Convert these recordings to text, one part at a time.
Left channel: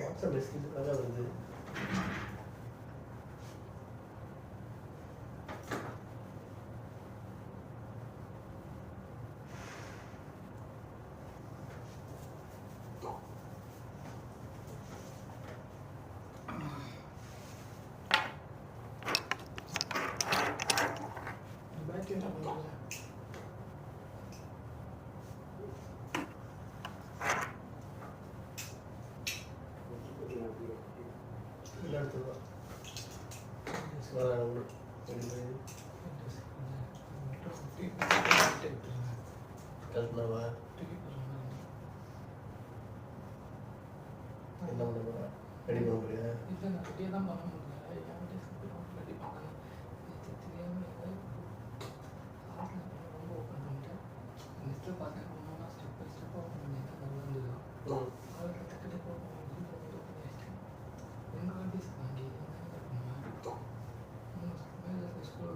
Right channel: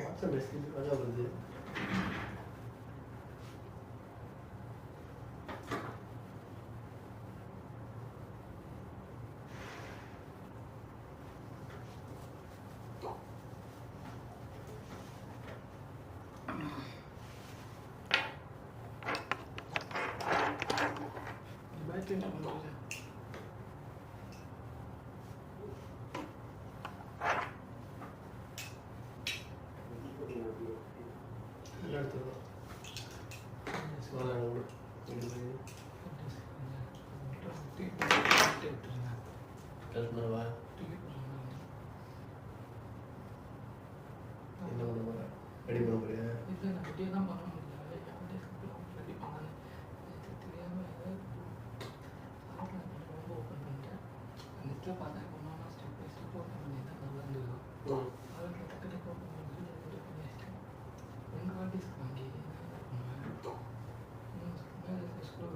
WhatsApp மெசேஜுக்காக வருது. என்ன பண்ண போகிறேன்? ரெடி பண்ண போறியா? இல்லை, நான் ரெடியாக தான் பண்ண முடியல. ரெடி பண்ணேன். தெரியாமல் ரொம்ப ஓப்பன் பண்ணிட்டேன். நெட்டில் பார்த்தேன். ஒன்றா ஸ்டெப் பை ஸ்டெப் ஓப்பன் பண்ணியிருக்கேன். நல்லா இருந்தது. அவருக்கு டக்கு டக்கு ஓப்பன் பண்ணி ரெடி பண்ணி வச்சிட்டேன். எங்கள் டிஸ்க் வாங்கி என்ன பண்ணுவேன்? மேலே ஸ்க்ரோ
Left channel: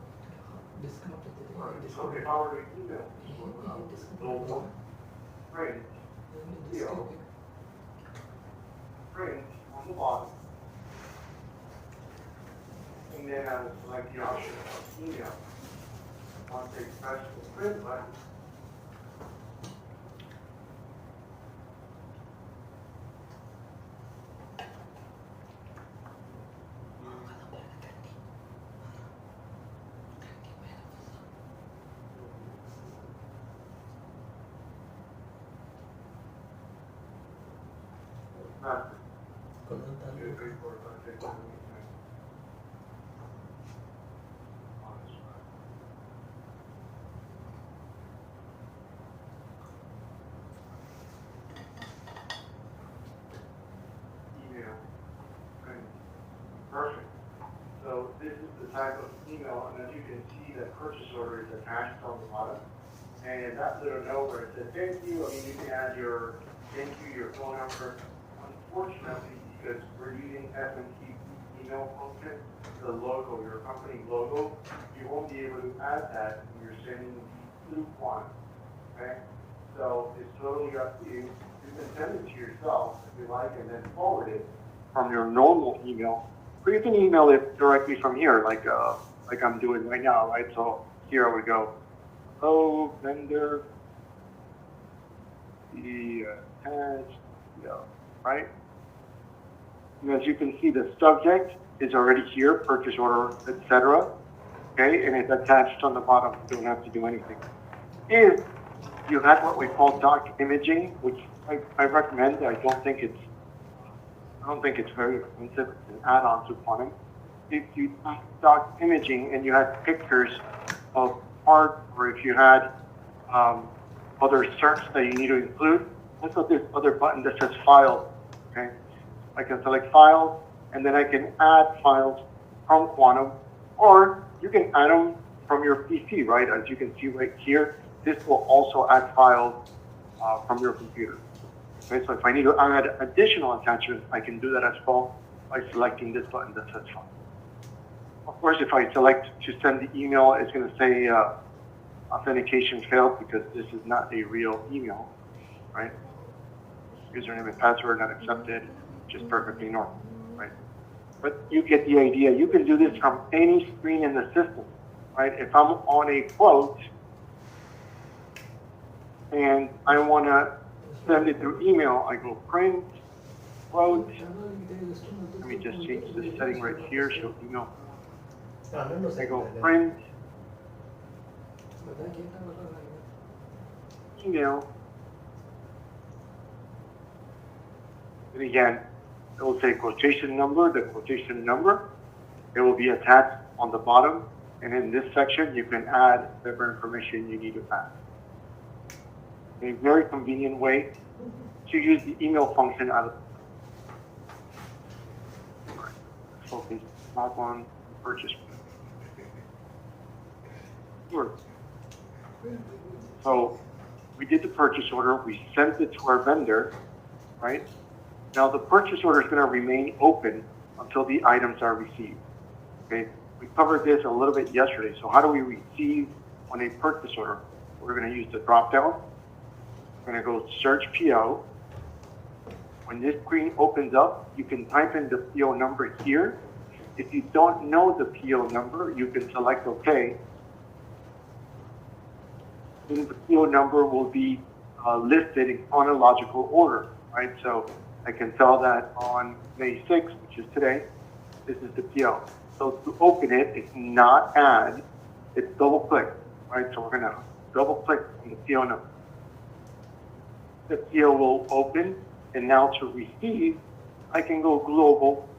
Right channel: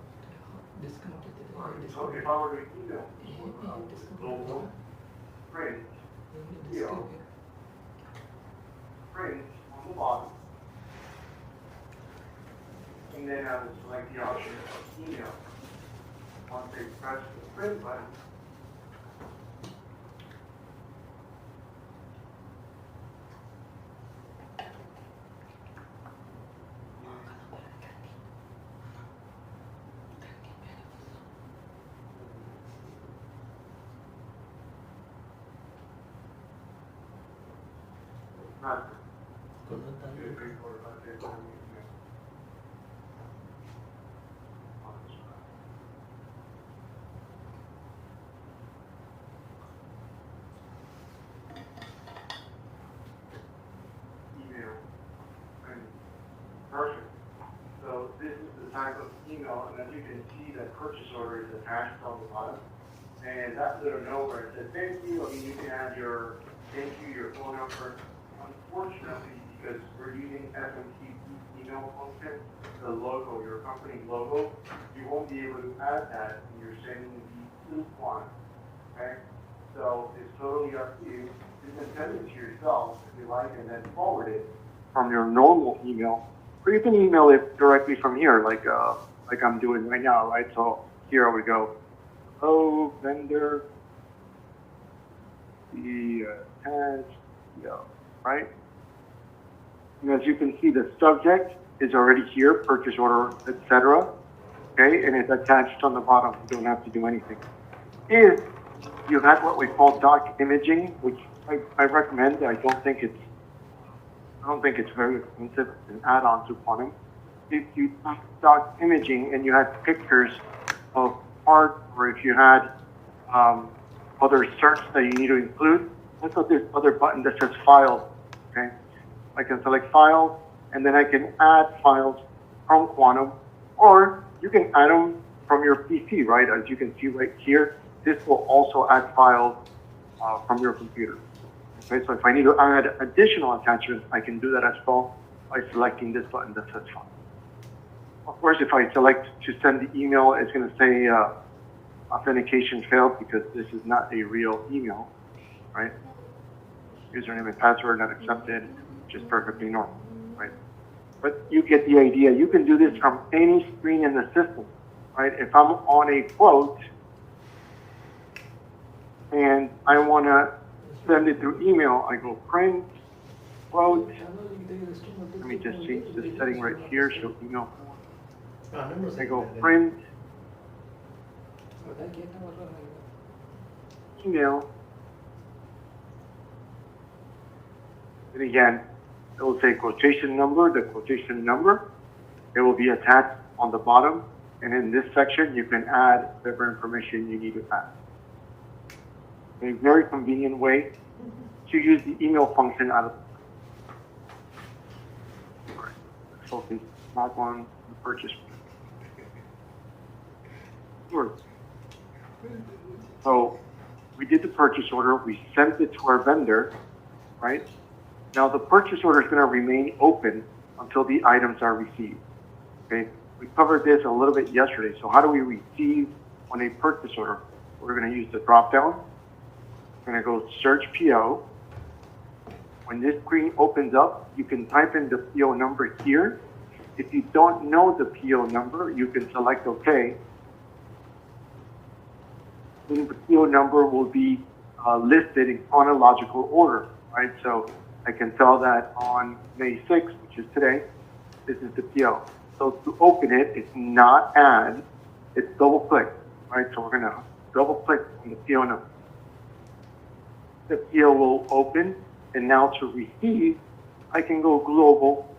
discount print on the bottom. And then I would select the option of email. Once they press the print button, perfect. So this is the type of email, and as you can see, that purchase order is attached on the bottom. And that little note where it says thank you, I mean, you can add your thank you, your phone number. Unfortunately, because we're using FMCP email function, the logo, your company logo, you won't be able to add that when you're sending the coupon. Okay? So it's totally up to you. You can send it to yourself if you like, and then forward it from your normal email. Or you can email it directly from here, like I'm doing right now, right? So here we go. Oh, vendor, the task, right? And as you can see, the subject is already here, purchase order, etc. Okay, and it's attached on the bottom. You don't have to do anything. If you have what we call doc imaging, which I recommend, I don't think it's very expensive, an add-on to plumbing. If you doc imaging and you have pictures of art, or if you had other certs that you need to include, let's put this other button that says Files. Okay, I can select Files, and then I can add files from Quantum, or you can add them from your PC, right? As you can see right here, this will also add files from your computer. Okay, so if I need to add additional attachments, I can do that as well by selecting this button that says File. Of course, if I select to send the email, it's going to say authentication failed because this is not a real email, right? Username and password not accepted, which is perfectly normal, right? But you get the idea. You can do this from any screen in the system, right? If I'm on a quote and I want to send it through email, I go print, quote. Let me just change this setting right here, show email. I go print, email, and again, it will say quotation number, the quotation number. It will be attached on the bottom, and in this section, you can add whatever information you need to add. A very convenient way to use the email function out of focus, not on purchase. Sure. So we did the purchase order, we sent it to our vendor, right? Now the purchase order is going to remain open until the items are received. Okay, we covered this a little bit yesterday. So how do we receive on a purchase order? We're going to use the drop down. We're going to go search PO. When this screen opens up, you can type in the PO number here. If you don't know the PO number, you can select OK. Then the PO number will be listed in chronological order, right? So I can tell that on May 6th, which is today, this is the PO. So to open it, it's not add, it's double click, right? So we're gonna double click on the PO number. The PO will open, and now to receive, I can go global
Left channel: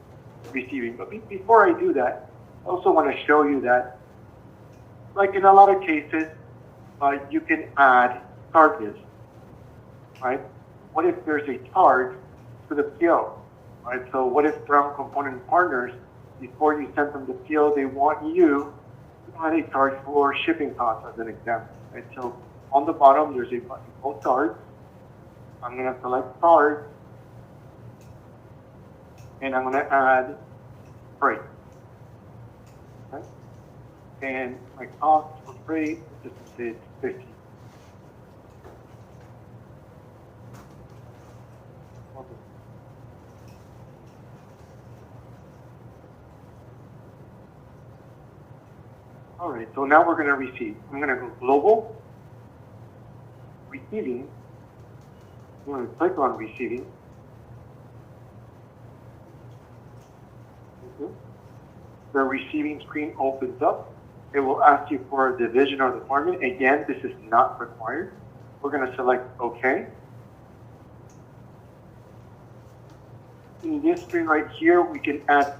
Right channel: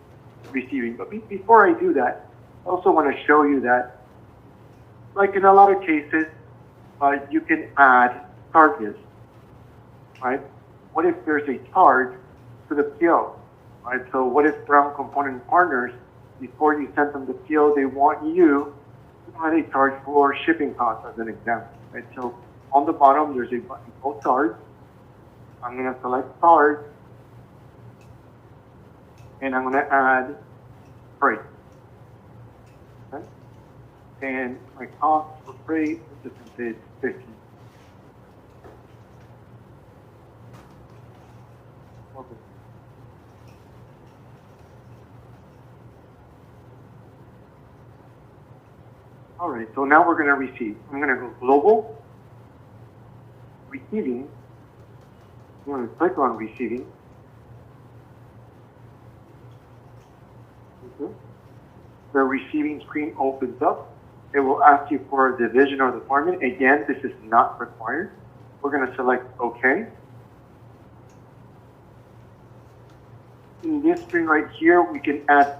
receiving. But before I do that, I also want to show you that, like in a lot of cases, you can add charges, right? What if there's a charge to the PO, right? So what if Ground Component Partners, before you send them the PO, they want you to add a charge for shipping costs, as an example, right? So on the bottom, there's a button called charge. I'm going to select charge, and I'm going to add freight. Okay? And my cost for freight is 50. Okay. All right, so now we're going to receive. I'm going to go global, receiving. I'm going to click on receiving. Okay. The receiving screen opens up. It will ask you for a division or department. Again, this is not required. We're going to select OK. In this screen right here, we can add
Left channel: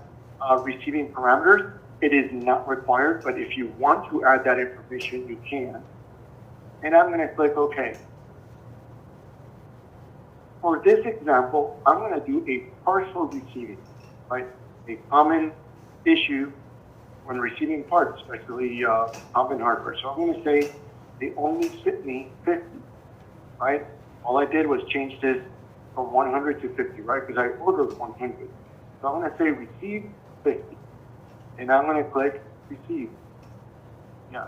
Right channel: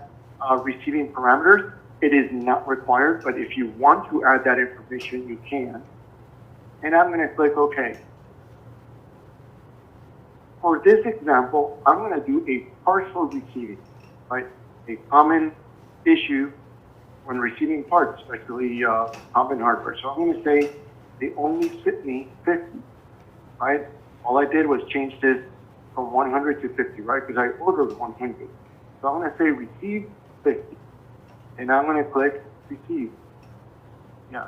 receiving parameters. It is not required, but if you want to add that information, you can. And I'm going to click OK. For this example, I'm going to do a partial receiving, right? A common issue when receiving parts, especially common hardware. So I'm going to say they only sent me 50, right? All I did was change this from 100 to 50, right? Because I ordered 100. So I'm going to say receive 50. And I'm going to click receive. Yeah.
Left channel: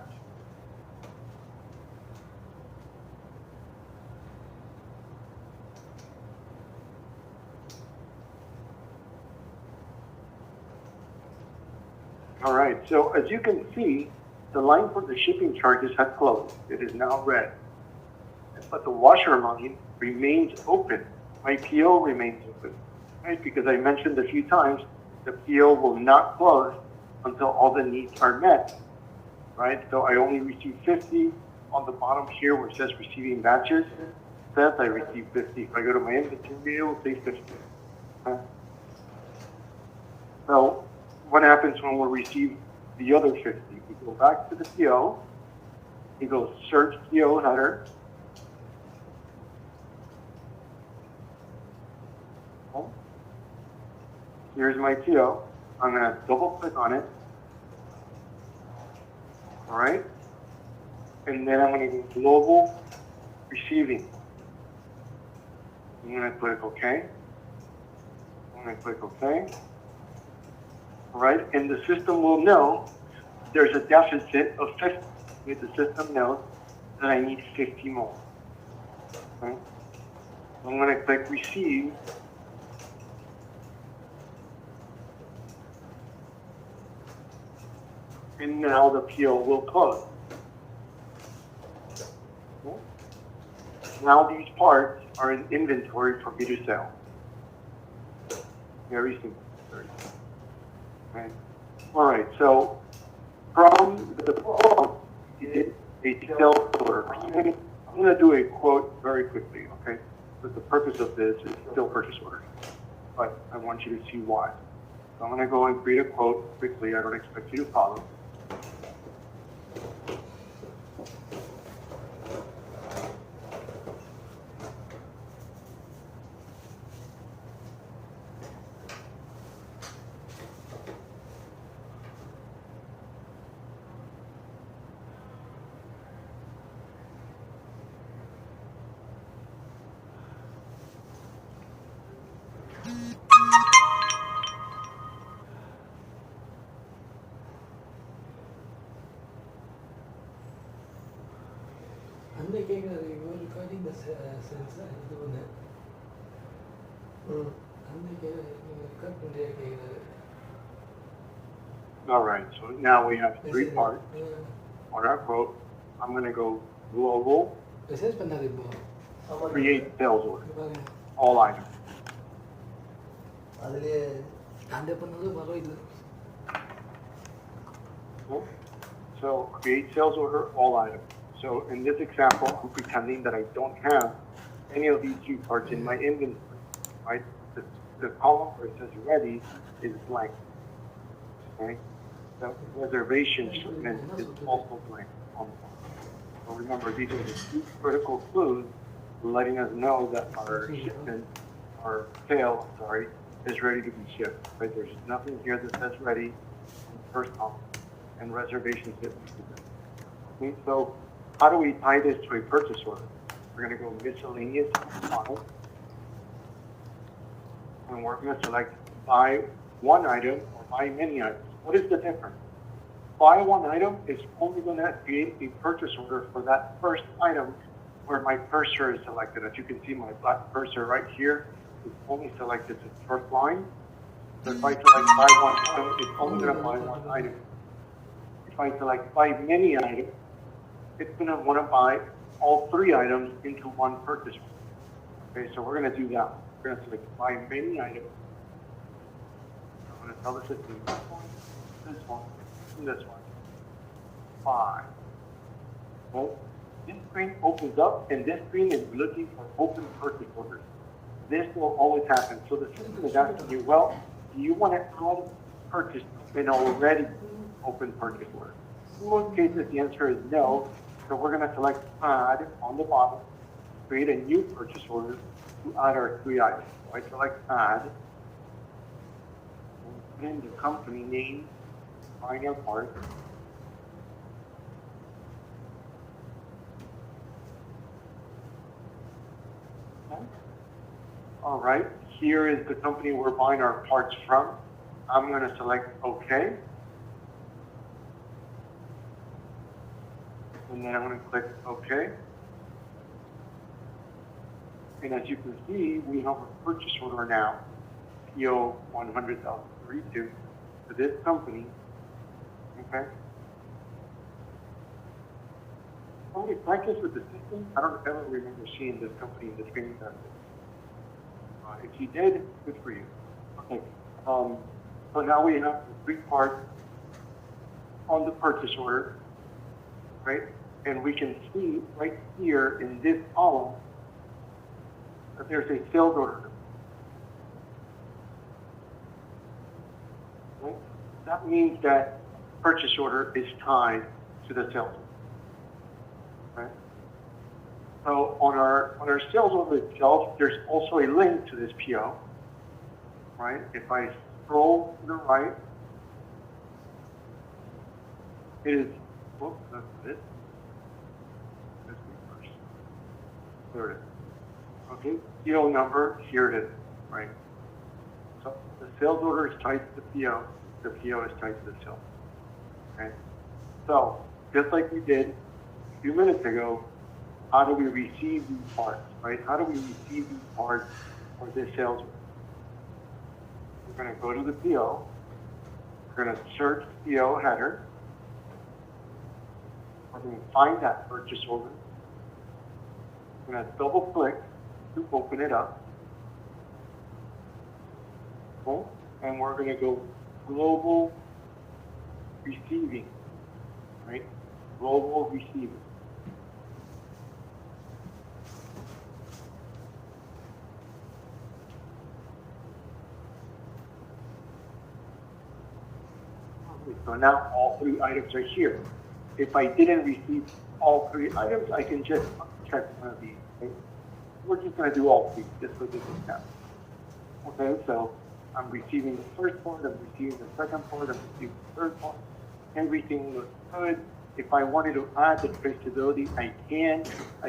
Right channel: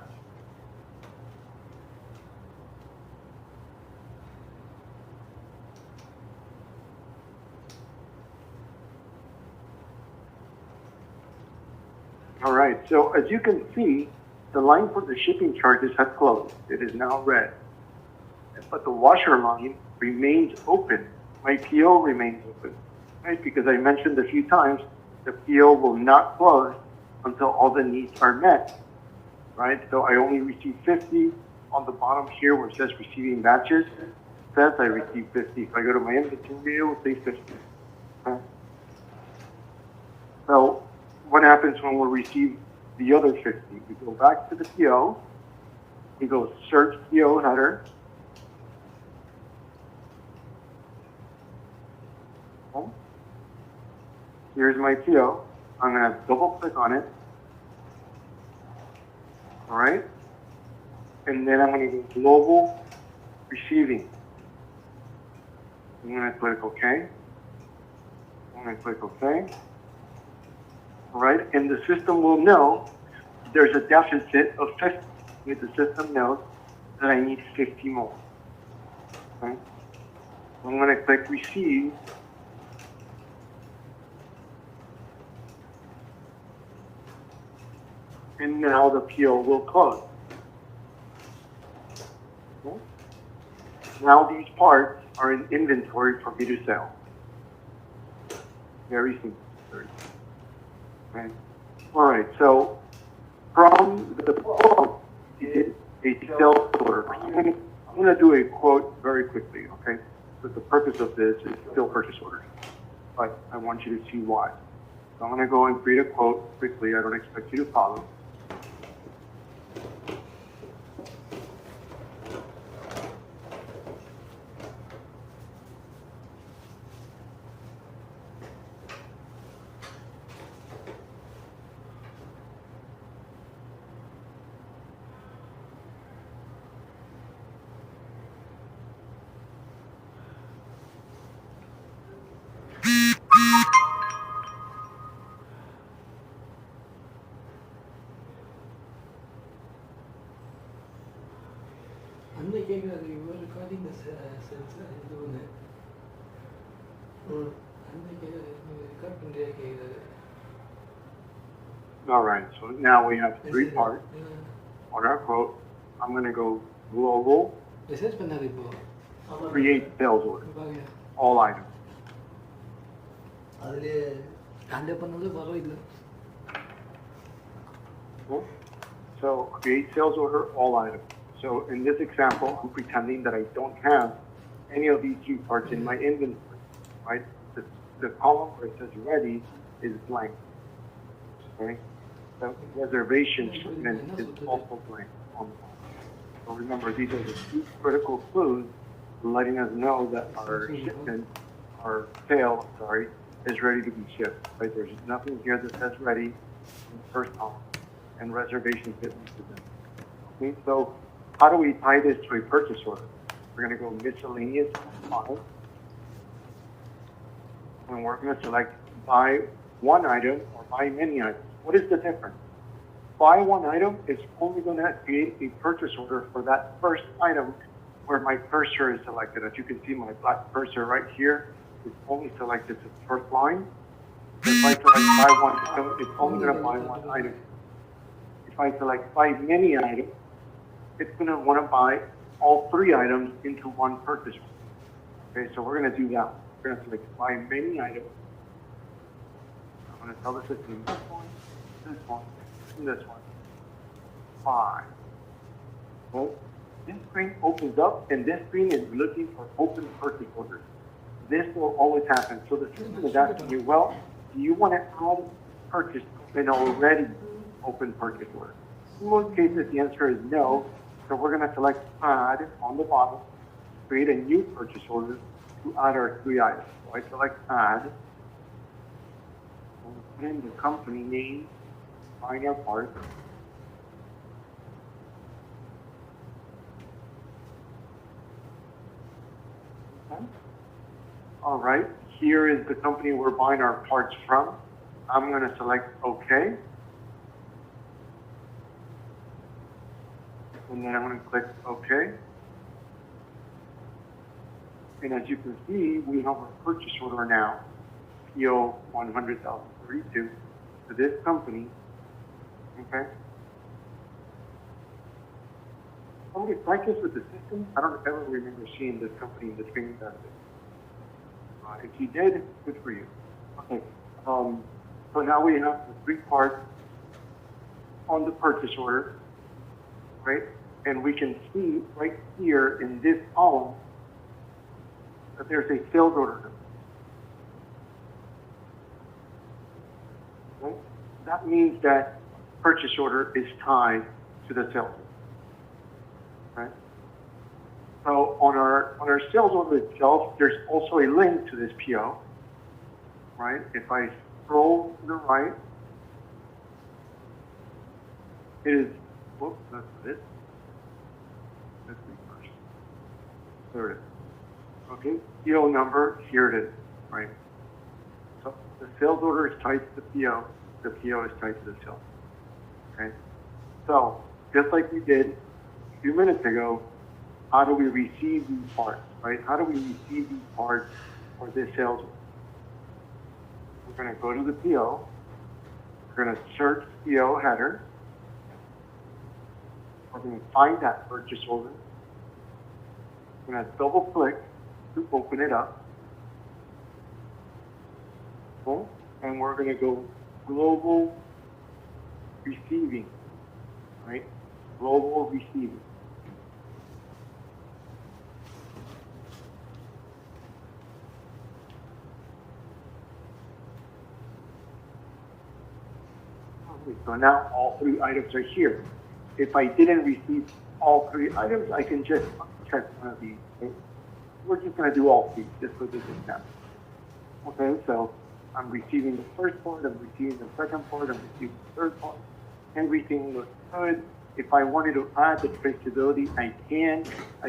All right, so as you can see, the line for the shipping charges has closed. It is now red. But the washer line remains open. My PO remains open, right? Because I mentioned a few times, the PO will not close until all the needs are met, right? So I only received 50. On the bottom here where it says receiving batches, it says I received 50. If I go to my inventory, it will say 50. Okay? So what happens when we receive the other 50? We go back to the PO, we go search PO header, okay. Here's my PO. I'm going to double click on it, all right, and then I'm going to go global receiving. I'm going to click OK. I'm going to click OK. All right, and the system will know there's a deficit of 50. The system knows that I need 50 more. Okay, I'm going to click receive. And now the PO will close. Okay. Now these parts are in inventory for me to sell. Very simple. Okay. All right, so from the quote, it is a sales order. I'm going to do a quote very quickly, okay? Because the purpose of this is still purchase order, but I want you to see why. So I'm going to go and create a quote quickly. I don't expect you to follow. வந்து கேட்குறாரு இவர் recording the sense இது ஒன்று அந்த கேட்குறாரு நீங்கள் record பண்ணுறியா கேட்குறாரு. All right, so now we have three parts on our quote. I'm going to go global, message பண்ணாரு இப்போ create sales order, பாருங்க all items. அதுலேயே காண்டே பண்ணது பரவாயில்லை. So create sales order, all items. So in this example, I'm pretending that I don't have any of these two parts in my inventory, right? The column where it says ready is blank, okay? The reservation shipment is also blank on the bottom. So remember, these are the two critical clues letting us know that our shipment, our sale, is ready to be shipped, right? There's nothing here that says ready in the first column, and reservation shipment is blank. Okay, so how do we tie this to a purchase order? We're going to go miscellaneous column, and we're going to select buy one item or buy many items. What is the difference? Buy one item is only going to create a purchase order for that first item where my cursor is selected. As you can see, my black cursor right here is only selected the first line. So if I select buy one item, it's only going to buy one item. If I select buy many items, it's going to want to buy all three items into one purchase order. Okay, so we're going to do that. We're going to select buy many items. I'm going to tell the system this one, and this one. Buy. Well, this screen opens up, and this screen is looking for open purchase orders. This will always happen. So the system is asking you, well, do you want to add purchase an already open purchase order? In most cases, the answer is no. So we're going to select add on the bottom, create a new purchase order to add our three items. So I select add, and put in the company name, find our part. Okay. All right, here is the company we're buying our parts from. I'm going to select OK. And then I'm going to click OK. And as you can see, we have a purchase order now, PO 100,032 for this company. Okay. Somebody practice with the system. I don't ever remember seeing this company in the training benefit. If you did, good for you. Okay. So now we have the three parts on the purchase order, right? And we can see right here in this column that there's a sales order. Right? That means that purchase order is tied to the sales order. Okay? So on our sales order itself, there's also a link to this PO. Right? If I scroll to the right, it is. Whoops, that's it. There it is. Okay, PO number, here it is, right? So the sales order is tied to the PO is tied to the sales. Okay? So, just like we did a few minutes ago, how do we receive these parts, right? How do we receive these parts for this sales order? We're going to go to the PO, we're going to search PO header, we're going to find that purchase order, we're going to double click to open it up. Okay? And we're going to go global receiving, right? Global receiving. Okay, so now all three items are here. If I didn't receive all three items, I can just check one of these. Okay? We're just going to do all three, just so this is done. Okay, so I'm receiving the first part, I'm receiving the second part, I'm receiving the third part. Everything looks good. If I wanted to add the traceability, I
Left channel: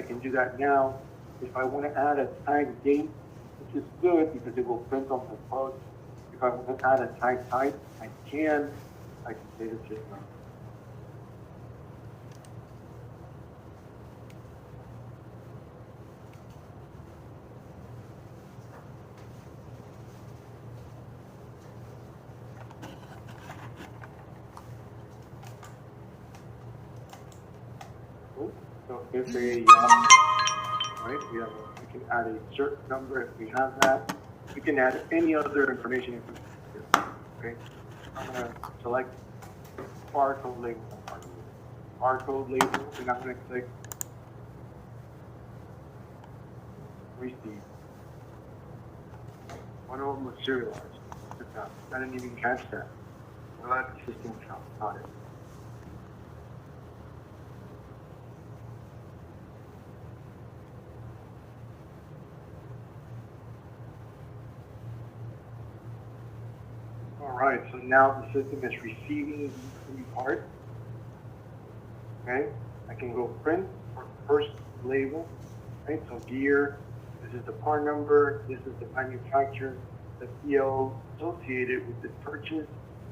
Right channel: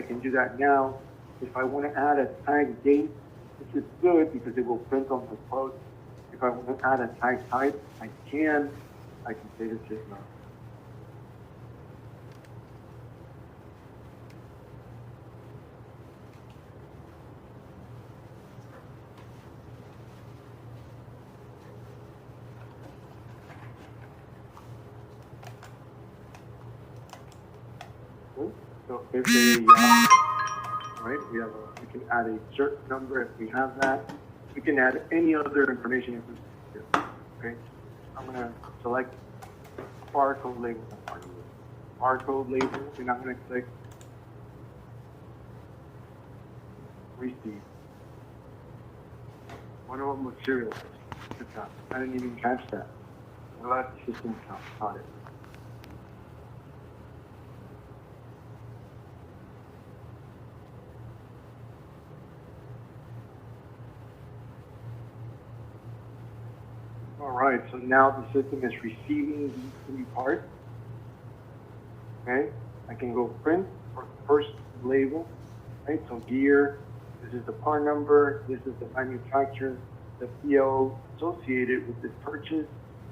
can do that now. If I want to add a tag date, this is good because it will print on the quote. If I want to add a tag type, I can say this is one. So if they, all right, we can add a certain number if we have that. We can add any other information if we want to. Okay. I'm gonna select barcode label. Barcode label, and I'm gonna click receive. One of them was serialized. I didn't even catch that. Let the system count it. All right, so now the system is receiving these three parts. Okay, I can go print for the first label. Right, so gear, this is the part number, this is the manufacturer, the PO associated with this purchase,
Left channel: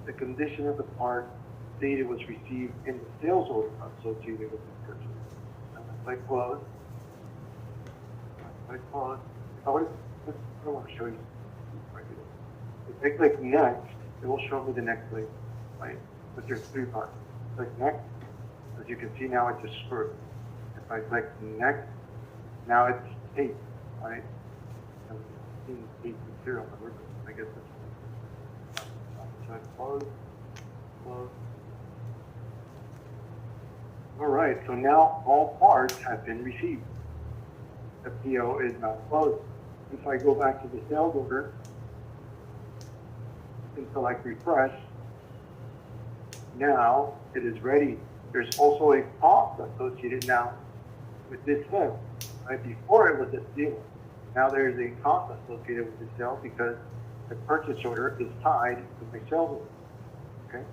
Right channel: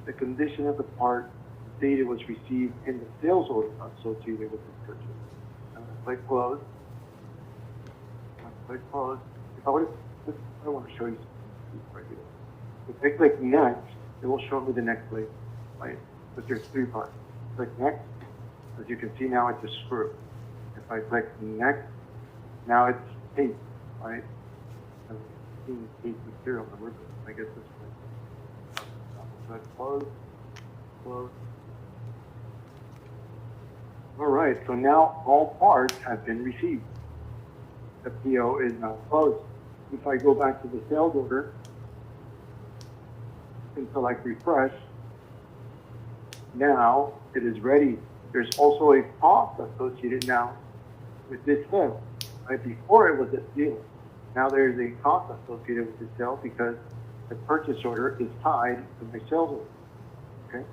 the condition of the part, data was received, and the sales order associated with this purchase. Click close. Click close. I want to show you something. If I click next, it will show me the next label, right? With your three parts. Click next. As you can see now, it's a screw. If I click next, now it's tape, right? I'm seeing tape material on the loop. I guess it's click close, close. All right, so now all parts have been received. The PO is now closed. If I go back to the sales order and select refresh, now it is ready. There's also a cost associated now with this sale. Right before it was a deal. Now there's a cost associated with the sale because the purchase order is tied to my sales order. Okay.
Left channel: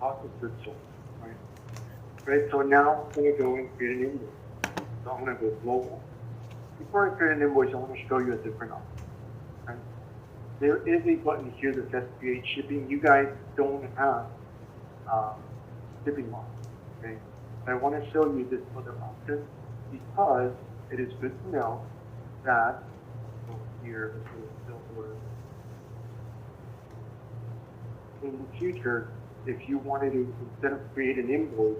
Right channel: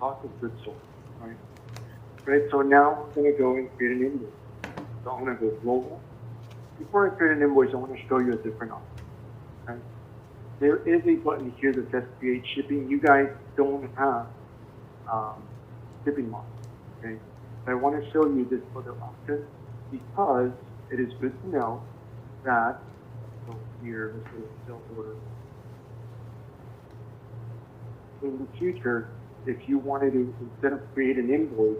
Cost of goods sold. Right. Right. So now I'm going to go and create an invoice. So I'm going to go global. Before I create an invoice, I want to show you a different option. Okay. There is a button here that says create shipping. You guys don't have shipping model. Okay. I want to show you this other option because it is good to know that here this is sales order. In the future, if you wanted to, instead of create an invoice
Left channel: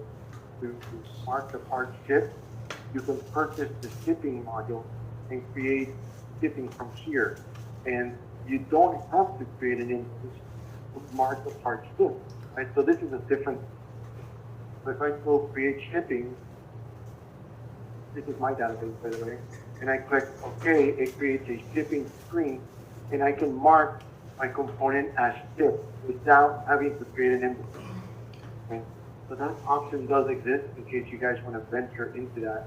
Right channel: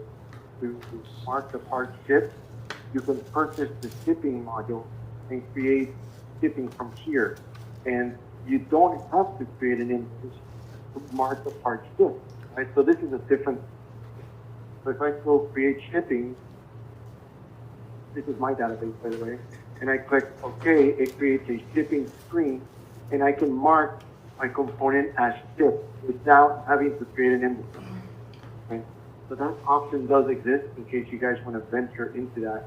to mark the part shipped, you can purchase the shipping module and create shipping from here. And you don't have to create an invoice to mark the part shipped. Right? So this is a different. So if I go create shipping, this is my database by the way, and I click OK, it creates a shipping screen, and I can mark my component as shipped without having to create an invoice. Okay? So that option does exist in case you guys want to venture into that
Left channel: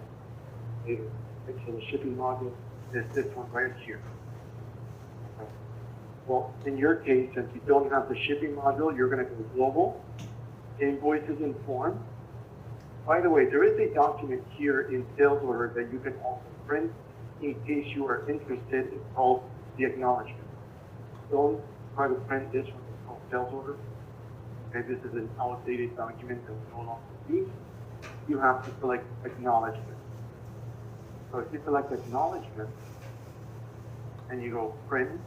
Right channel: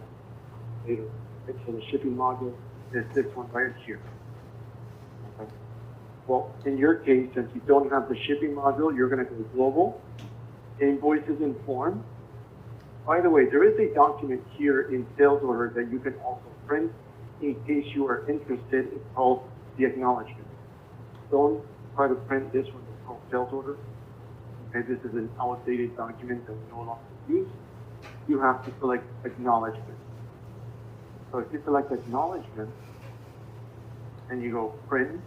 later. Okay? So the shipping module is this one right here. Okay. Well, in your case, since you don't have the shipping module, you're going to go global. Invoices in form. By the way, there is a document here in sales order that you can also print in case you are interested. It's called the acknowledgement. Don't try to print this one. It's called sales order. Okay, this is an outdated document that you no longer use. You have to select acknowledgement. So if you select acknowledgement and you go print,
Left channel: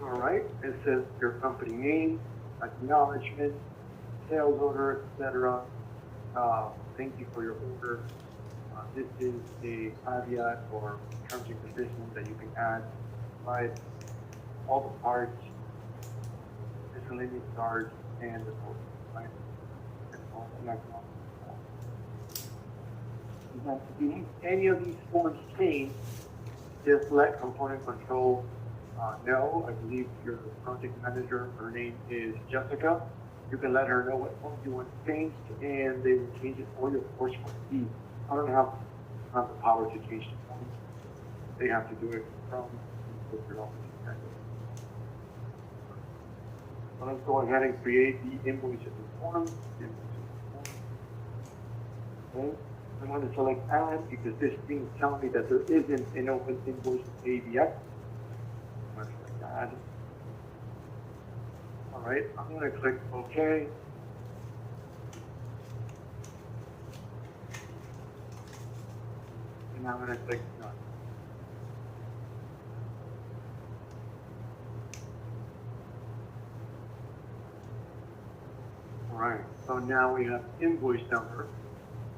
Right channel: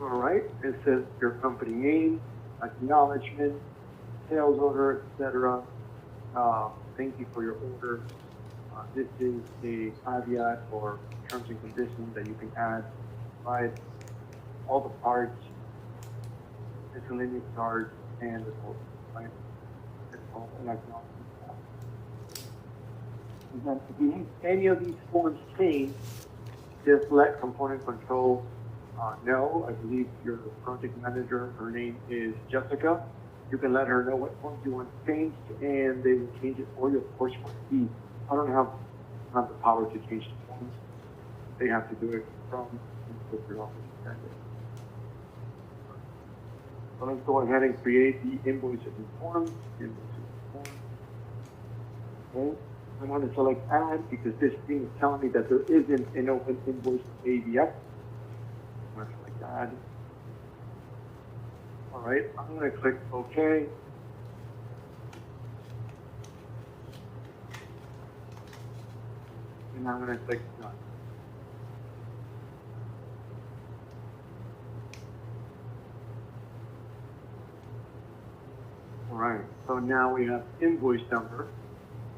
all right, it says your company name, acknowledgement, sales order, etc. Thank you for your order. This is a caveat or terms and conditions that you can add, right? All the parts, miscellaneous charge, and the total, right? It's all an acknowledgement. If you need any of these forms changed, just let component control know. I believe you're the project manager. Her name is Jessica. You can let her know what forms you want changed, and they will change it for you. Of course, for fee. I don't have the power to change the forms. They have to do it from the office. So let's go ahead and create the invoices in form. Okay. I want to select add because this screen is telling me that there isn't an open invoice ABX. All right, I'm going to click OK. And I'm going to click no. So now we have invoice number.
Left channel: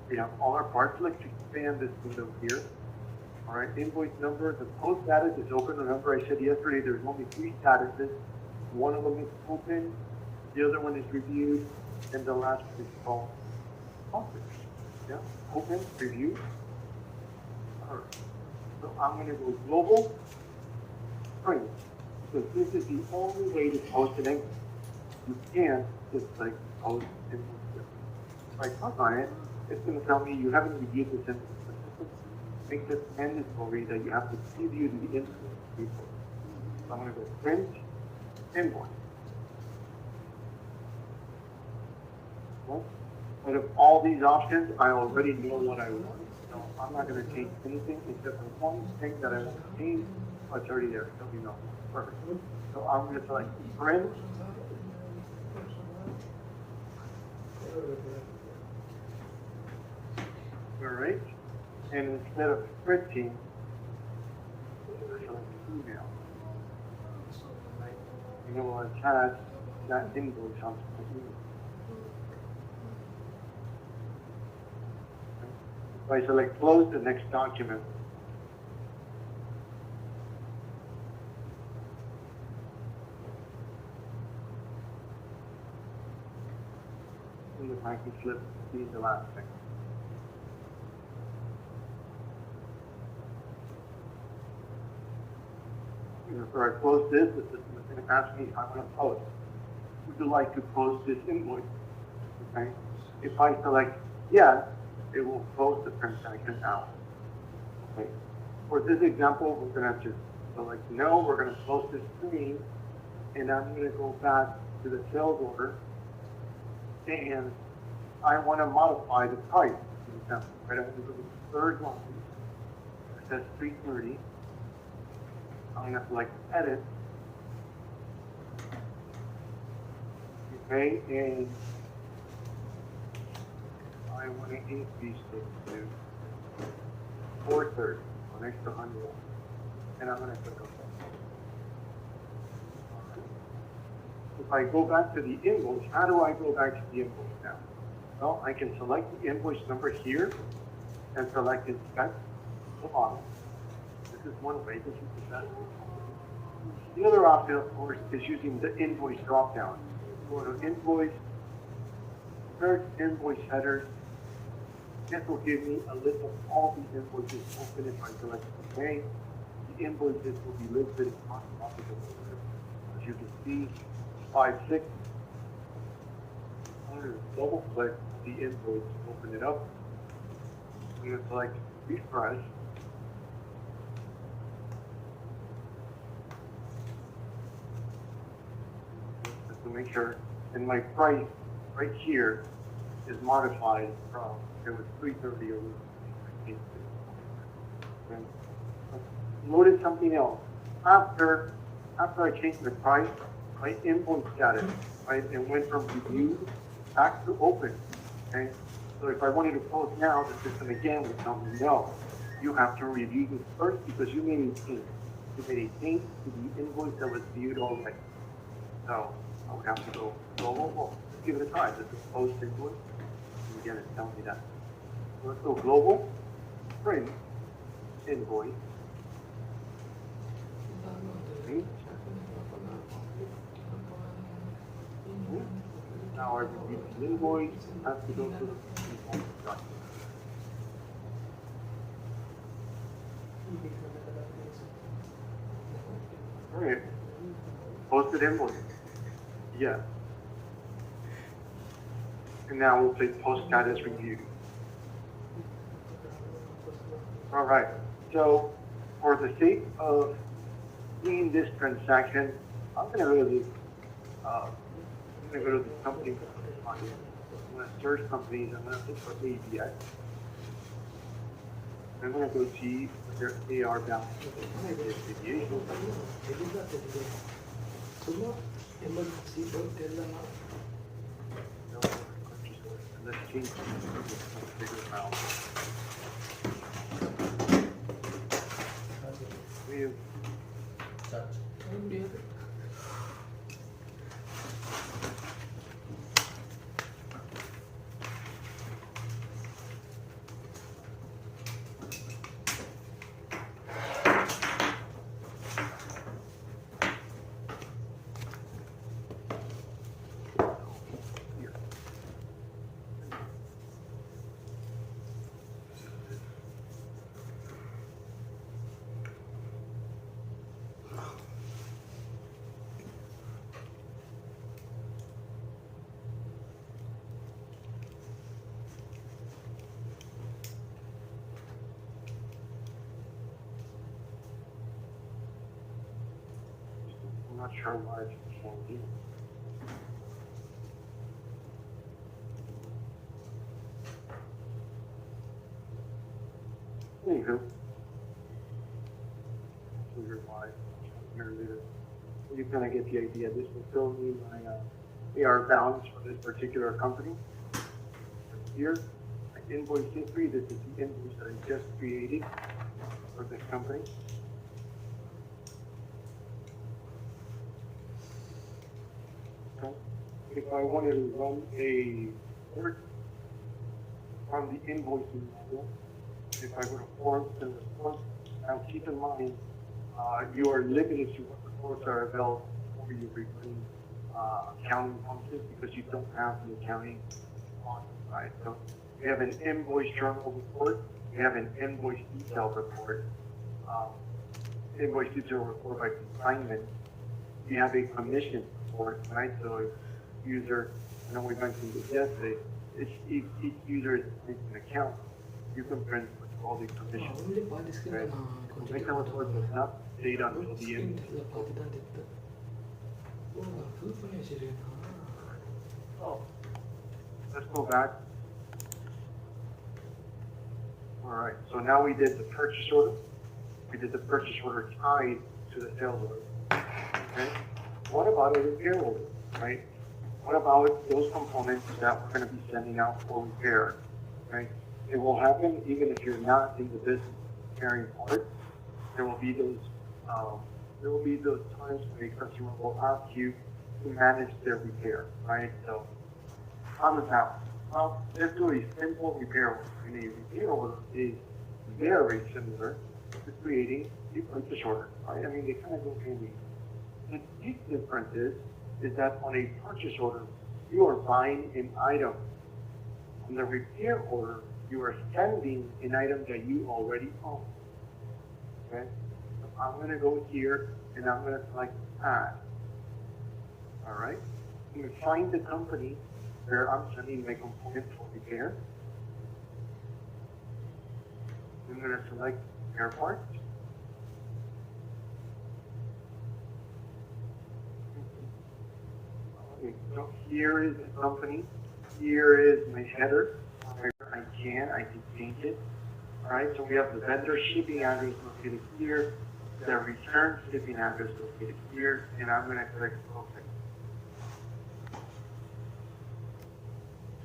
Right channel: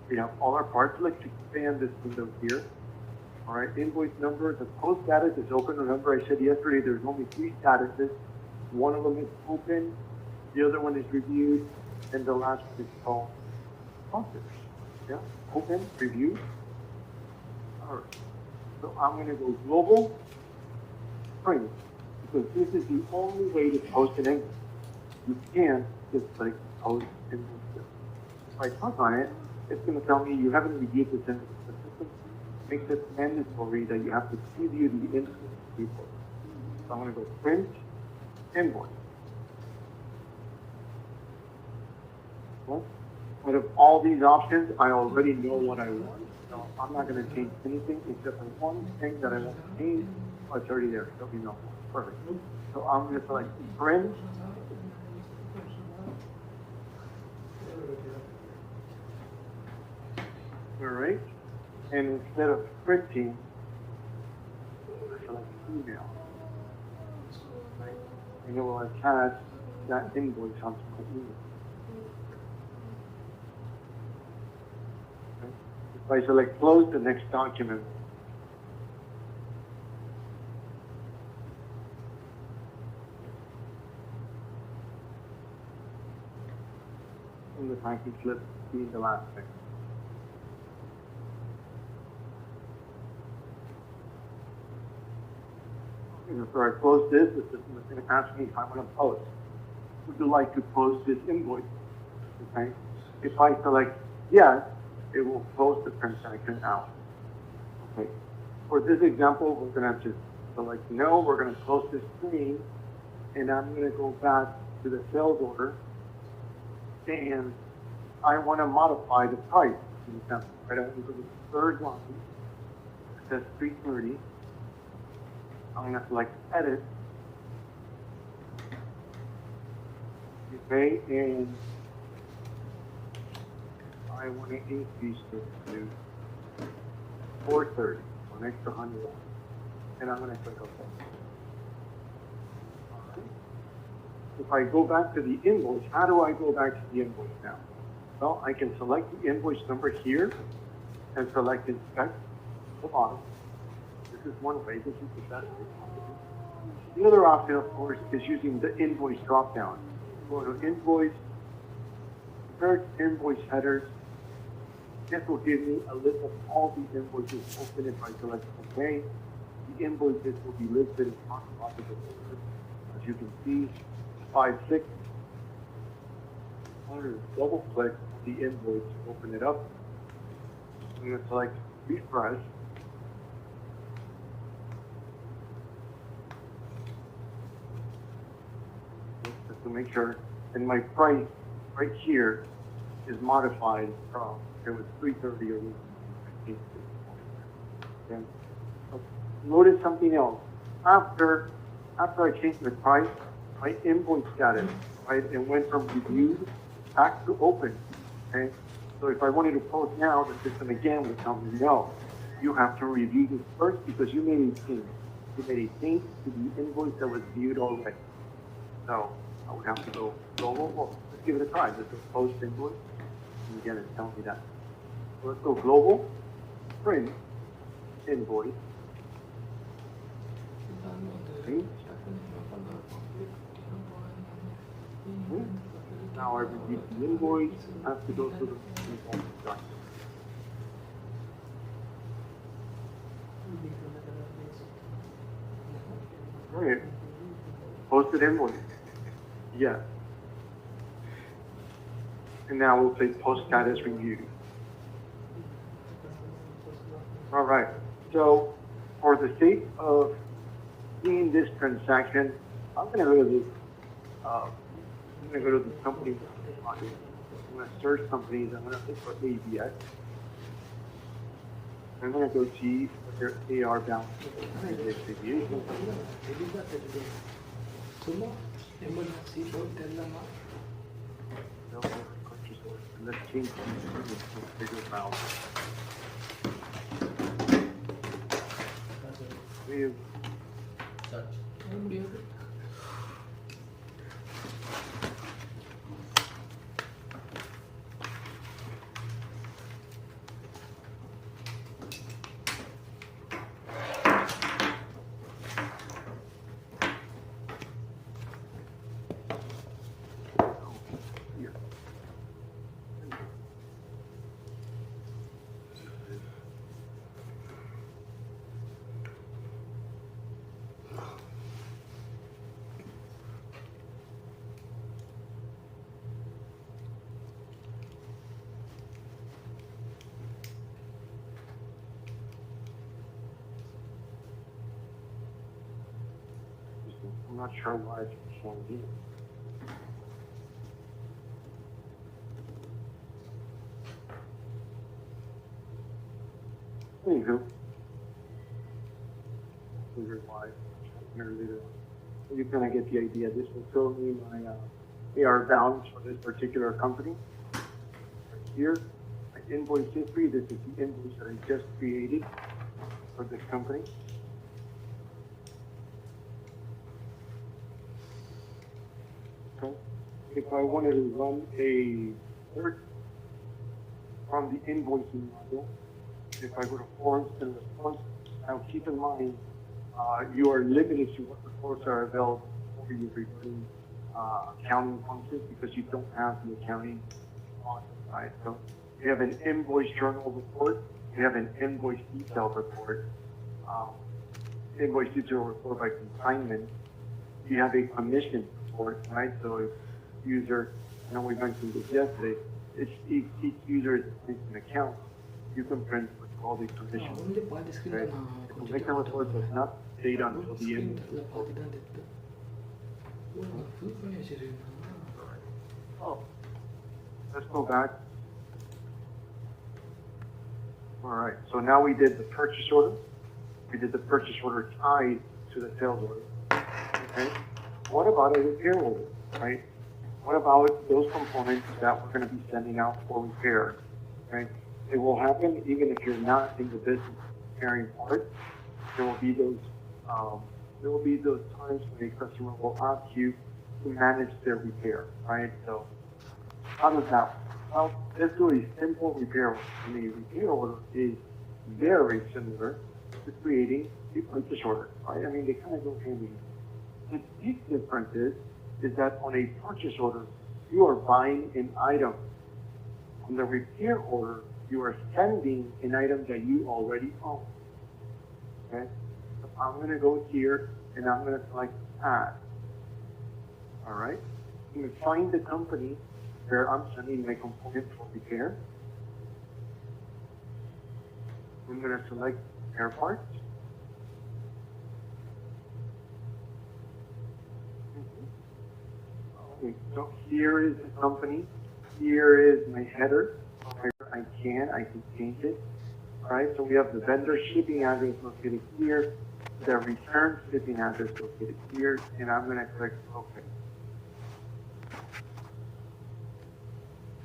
We have all our parts. Let's expand this window here. All right, invoice number. The post status is open. Remember, I said yesterday there's only 3 statuses. One of them is open, the other one is reviewed, and the last one is called published. Yeah, open, review. All right. So I'm going to go global, print, because this is the only way to post an invoice. You can't just click post invoice. If I click on it, it's going to tell me you haven't reviewed this invoice. The system makes it mandatory that you have to preview the invoice report. So I'm going to go print invoice. Okay. Out of all these options, I already know what I want. So I'm not going to change anything except for one thing that I want to change. Oh, it's already there. It'll be nothing. Perfect. So I'm going to select print. All right. And instead of printing, select email. And it will attach that invoice onto my email. Okay. If I select close the next document, and the package slip be the last thing. And before I close this, the system is going to ask me if I'm going to post. Would you like to post this invoice? Okay. If I select yes, it will post the transaction out. Okay. For this example, we're going to have to select no. We're going to close this screen, and I'm going to go back to the sales order, and I want to modify the price. Right? I'm going to the third line. That's 330. I'm going to select edit. Okay, and I want to increase this to 430, so next to 100. And I'm going to click OK. If I go back to the invoice, how do I go back to the invoice now? Well, I can select the invoice number here and select inspect the bottom. This is one way. This is the best. The other option, of course, is using the invoice dropdown. Go to invoice, search invoice headers. This will give me a list of all the invoices open. If I select OK, the invoices will be listed as possible. As you can see, 5/6. I'm going to double click the invoice, open it up. I'm going to select refresh. Just to make sure, and my price right here is modified from 330 originally. Okay. Notice something else. After I changed the price, my invoice status, right, and went from reviewed back to open. Okay. So if I wanted to post now, the system again would tell me no. You have to review this first because you made a change. You made a change to the invoice that was viewed already. So I would have to go global. Well, let's give it a try. This is post invoice. And again, it's telling me that. So let's go global, print, invoice. Okay. Now I read the invoice. I have to go to the invoice document. Wait. Posted invoice. Yes. And now we'll click post status review. All right. So for the sake of seeing this transaction, I'm going to go to this. I'm going to go to the company. I'm going to search companies. I'm going to look for ABS. I'm going to go see where they are back. Let's change not sure why it's the same here. Anywho, figure why it's here later. You kind of get the idea. This will throw me my AR balance for this particular company. Here, invoice history. This is the invoice that I just created for this company. Okay. If I wanted to run a search from the invoicing module, if I go to forms and response, now keep in mind you are limited to what reports are available for your routine accounting functions because you don't have the accounting on, right? So you have an invoice journal report, you have an invoice detail report, invoice detail report by consignment, you have a commission report, right? So user, I know we mentioned this yesterday, each user is an account. You can print all the commission. Right? Commission report does not date until the end. Oh, let's go back. All right, so now we did the purchase order. We did the purchase order tied to the sales order. Okay. What about a repair order, right? What about those components that we're going to be sending out for repair, right? It will happen even if you're not in the business of carrying parts. There will be those times when a customer will ask you to manage their repair, right? So how does that work? Well, let's do a simple repair order. And a repair order is very similar to creating a purchase order, right? I mean, they kind of go hand in hand. The big difference is that on a purchase order, you are buying an item. On the repair order, you are sending an item that you already own. Okay? So I'm going to go here and I'm going to select add. All right? I'm going to find the company where I'm sending my component for repair. I'm going to select repair parts. Okay, so here is the company. Here is my header. I can change it. All right, so we have the vendor shipping address located here, the return shipping address located here, and I'm going to click OK.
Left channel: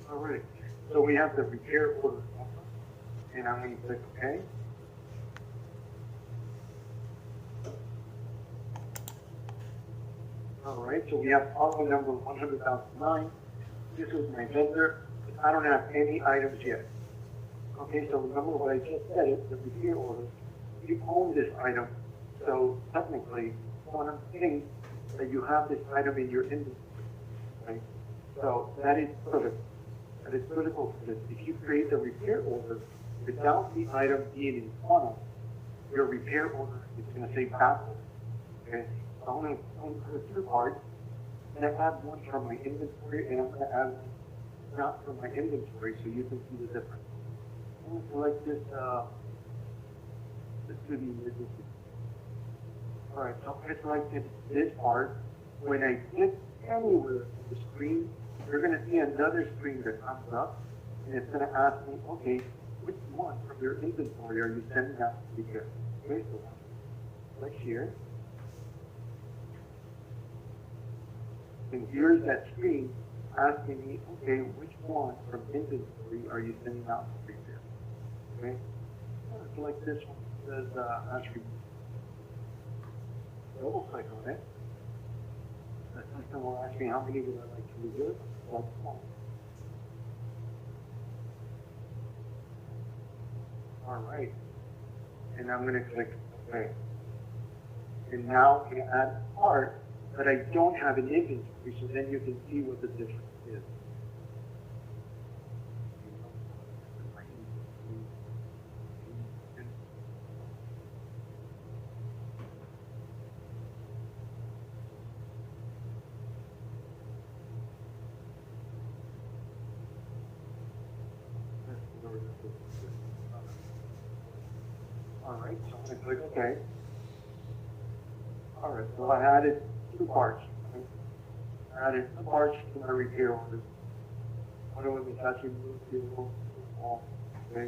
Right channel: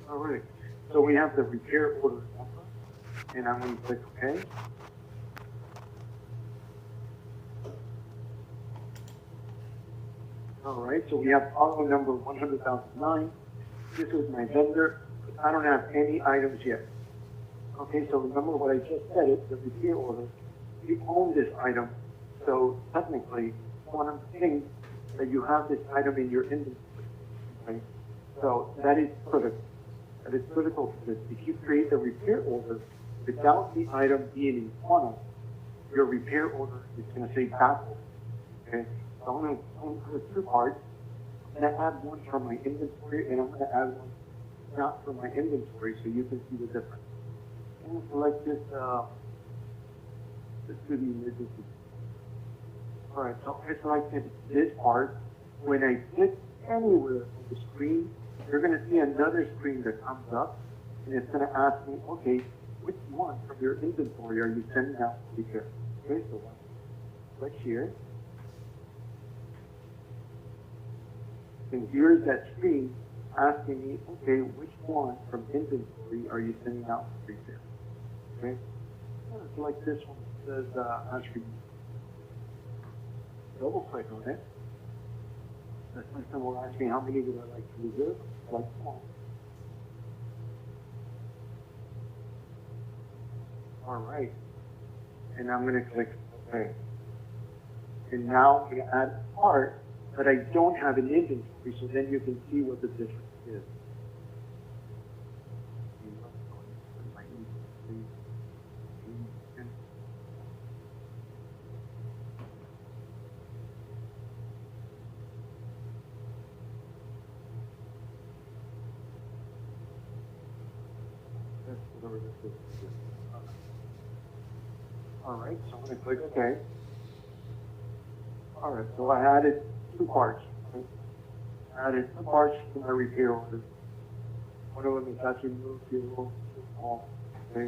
All right, so we have the repair order number, and I'm going to click OK. All right, so we have auto number 100,009. This is my vendor. I don't have any items yet. Okay, so remember what I just said, it's the repair order. You own this item, so technically, one thing that you have this item in your inventory. Okay, so that is critical. That is critical for this. If you create a repair order without the item being in quantity, your repair order is going to say backward. Okay, so I'm going to do two parts. I'm going to add one from my inventory, and I'm going to add one not from my inventory, so you can see the difference. So let's just do the emergency. All right, so it's like this part. When I click anywhere on the screen, you're going to see another screen that comes up, and it's going to ask me, okay, which one from your inventory are you sending out to repair? Okay, so click here. And here's that screen asking me, okay, which one from inventory are you sending out to repair? Okay, so like this one says actually double click on it. The system will ask me how many would I like to reserve. That's one. All right, and I'm going to click OK. And now I'm going to add a part that I don't have an inventory, so then you can see what the difference is. All right, so I'm going to click OK. All right, so I added two parts. Okay? I added two parts to my repair order. One of them is actually moved to okay.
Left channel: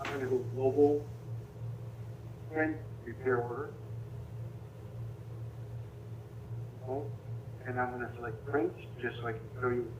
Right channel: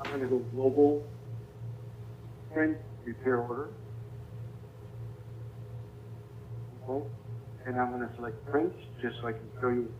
I'm going to go global print repair order. Okay. And I'm going to select print just so I can show you.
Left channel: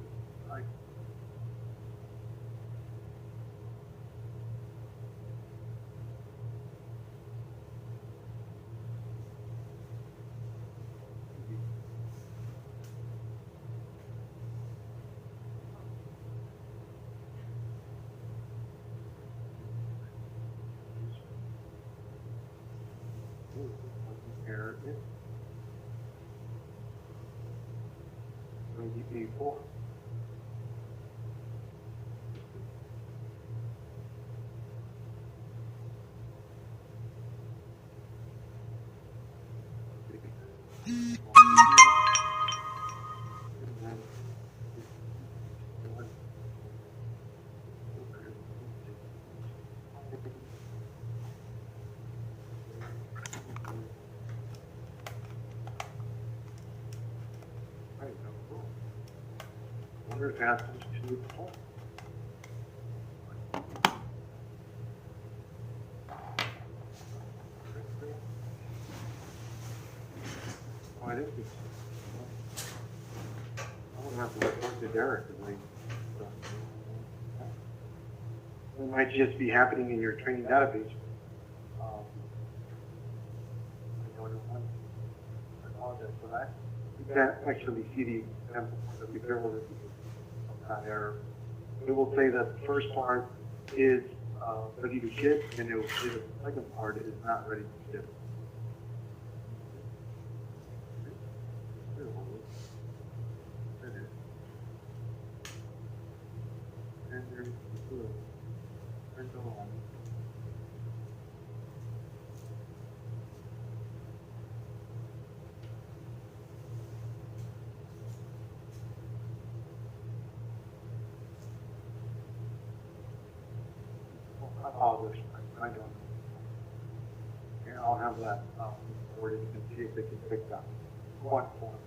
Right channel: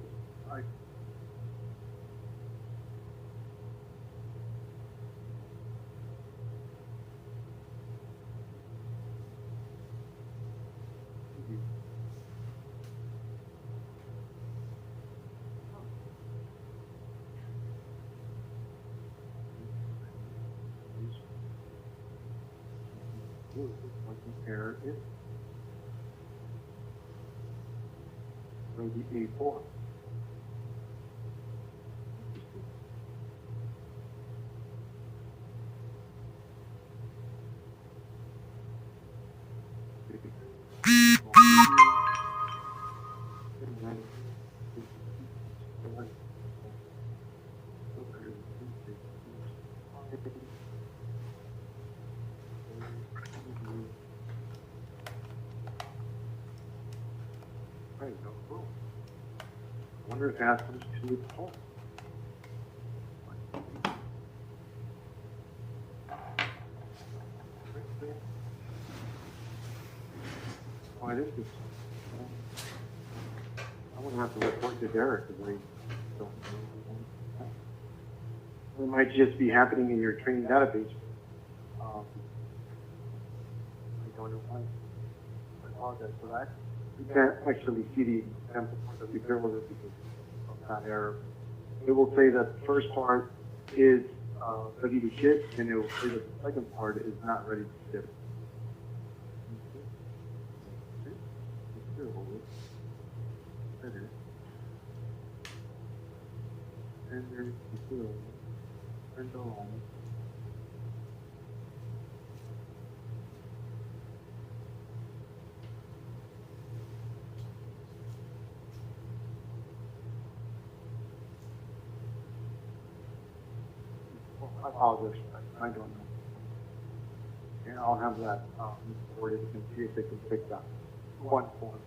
Compare it. Maybe A4. I wonder if it happens to the phone. Why this is? I wonder what the report to Derek is. It might just be happening in your training database. I apologize for that. You can't actually see the example that you bear with because of that error. It will say that the first part is ready to ship, and it will say that the second part is not ready to ship. And then and go on. I apologize. I don't know. And I'll have that recorded and see if it can pick up. One point.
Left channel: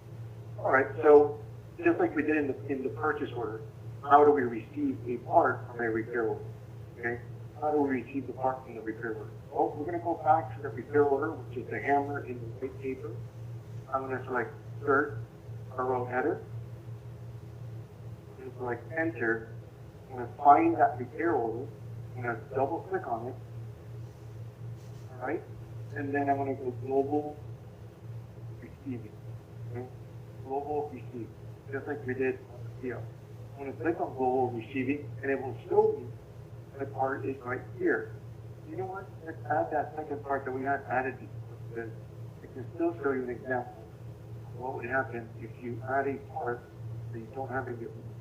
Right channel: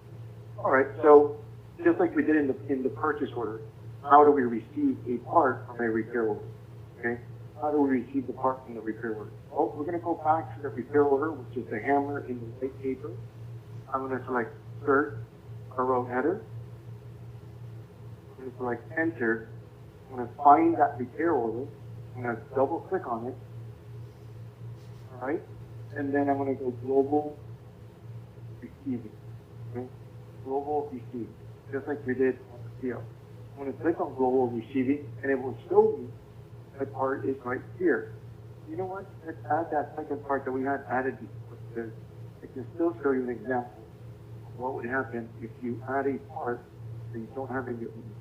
All right. So just like we did in the purchase order, how do we receive a part from a repair order? Okay. How do we receive the part from the repair order? Well, we're going to go back to the repair order, which is the hammer in the white paper. I'm going to select insert a row header. I'm going to select enter. I'm going to find that repair order. I'm going to double click on it. All right. And then I'm going to go global receiving. Okay. Global receiving. Just like we did here. I'm going to click on global receiving and it will show me that part is right here. You know what? Let's add that second part that we had added before because it can still show you an example of what would happen if you add a part that you don't have in your inventory.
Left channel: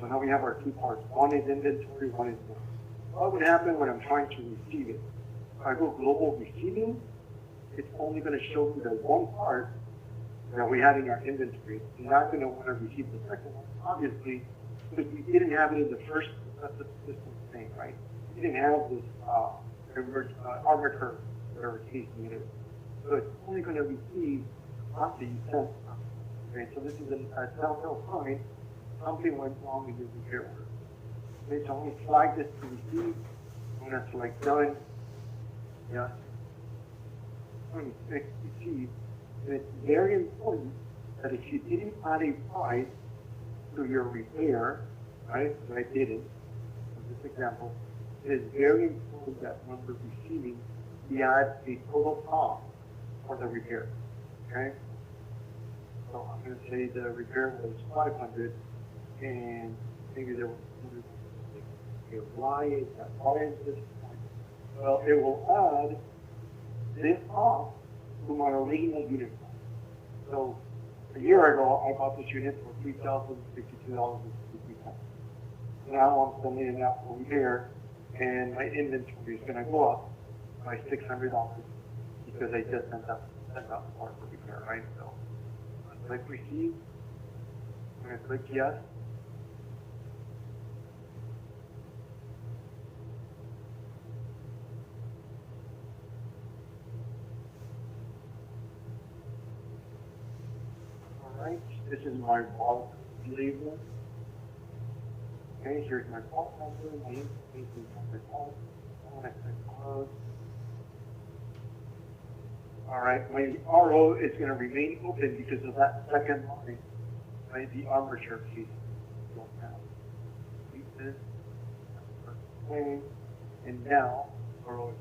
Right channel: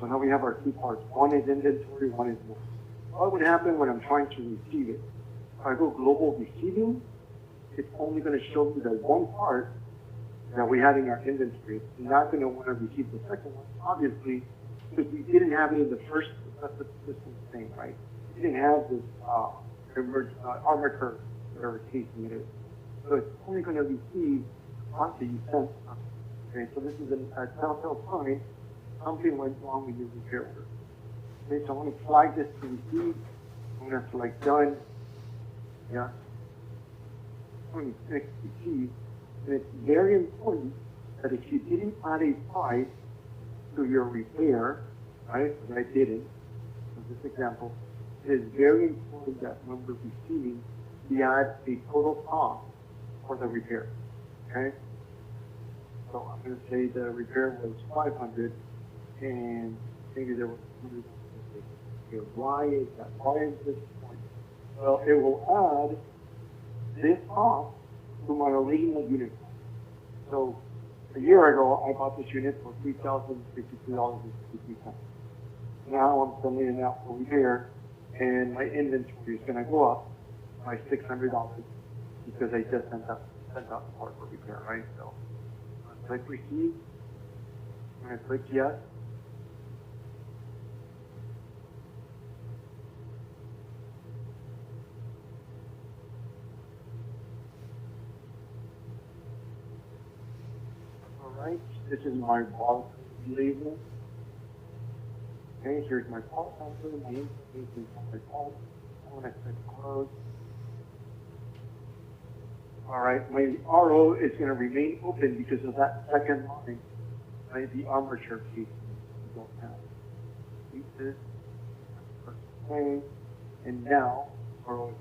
So now we have our two parts. One is inventory, one is not. What would happen when I'm trying to receive it? If I go global receiving, it's only going to show me that one part that we had in our inventory. It's not going to want to receive the second one, obviously, because we didn't have it in the first system thing, right? We didn't have this armor curve or casing it. So it's only going to receive after you send it. Okay, so this is a telltale sign something went wrong with your repair. Okay, so I'm going to flag this to receive. I'm going to select done. Yeah. I'm going to click receive. And it's very important that if you didn't add a price to your repair, right, because I didn't, in this example, it is very important that when we're receiving, we add a total cost for the repair. Okay? So I'm going to say the repair was 500 and maybe there was okay, why is that? Why is this point? Well, it will add this cost to my original unit. So a year ago, I bought this unit for $3,062.53. Now I'm sending it out for repair, and my inventory is going to go up by $600 because I just sent out the part for repair, right? So I click receive. I'm going to click yes. Right? This is my wallet label. Okay, here's my part number, my information from my part. I'm going to click close. All right, my RO is going to remain open because of that second line, right? The armature case you don't have. Delete this. Okay, and now RO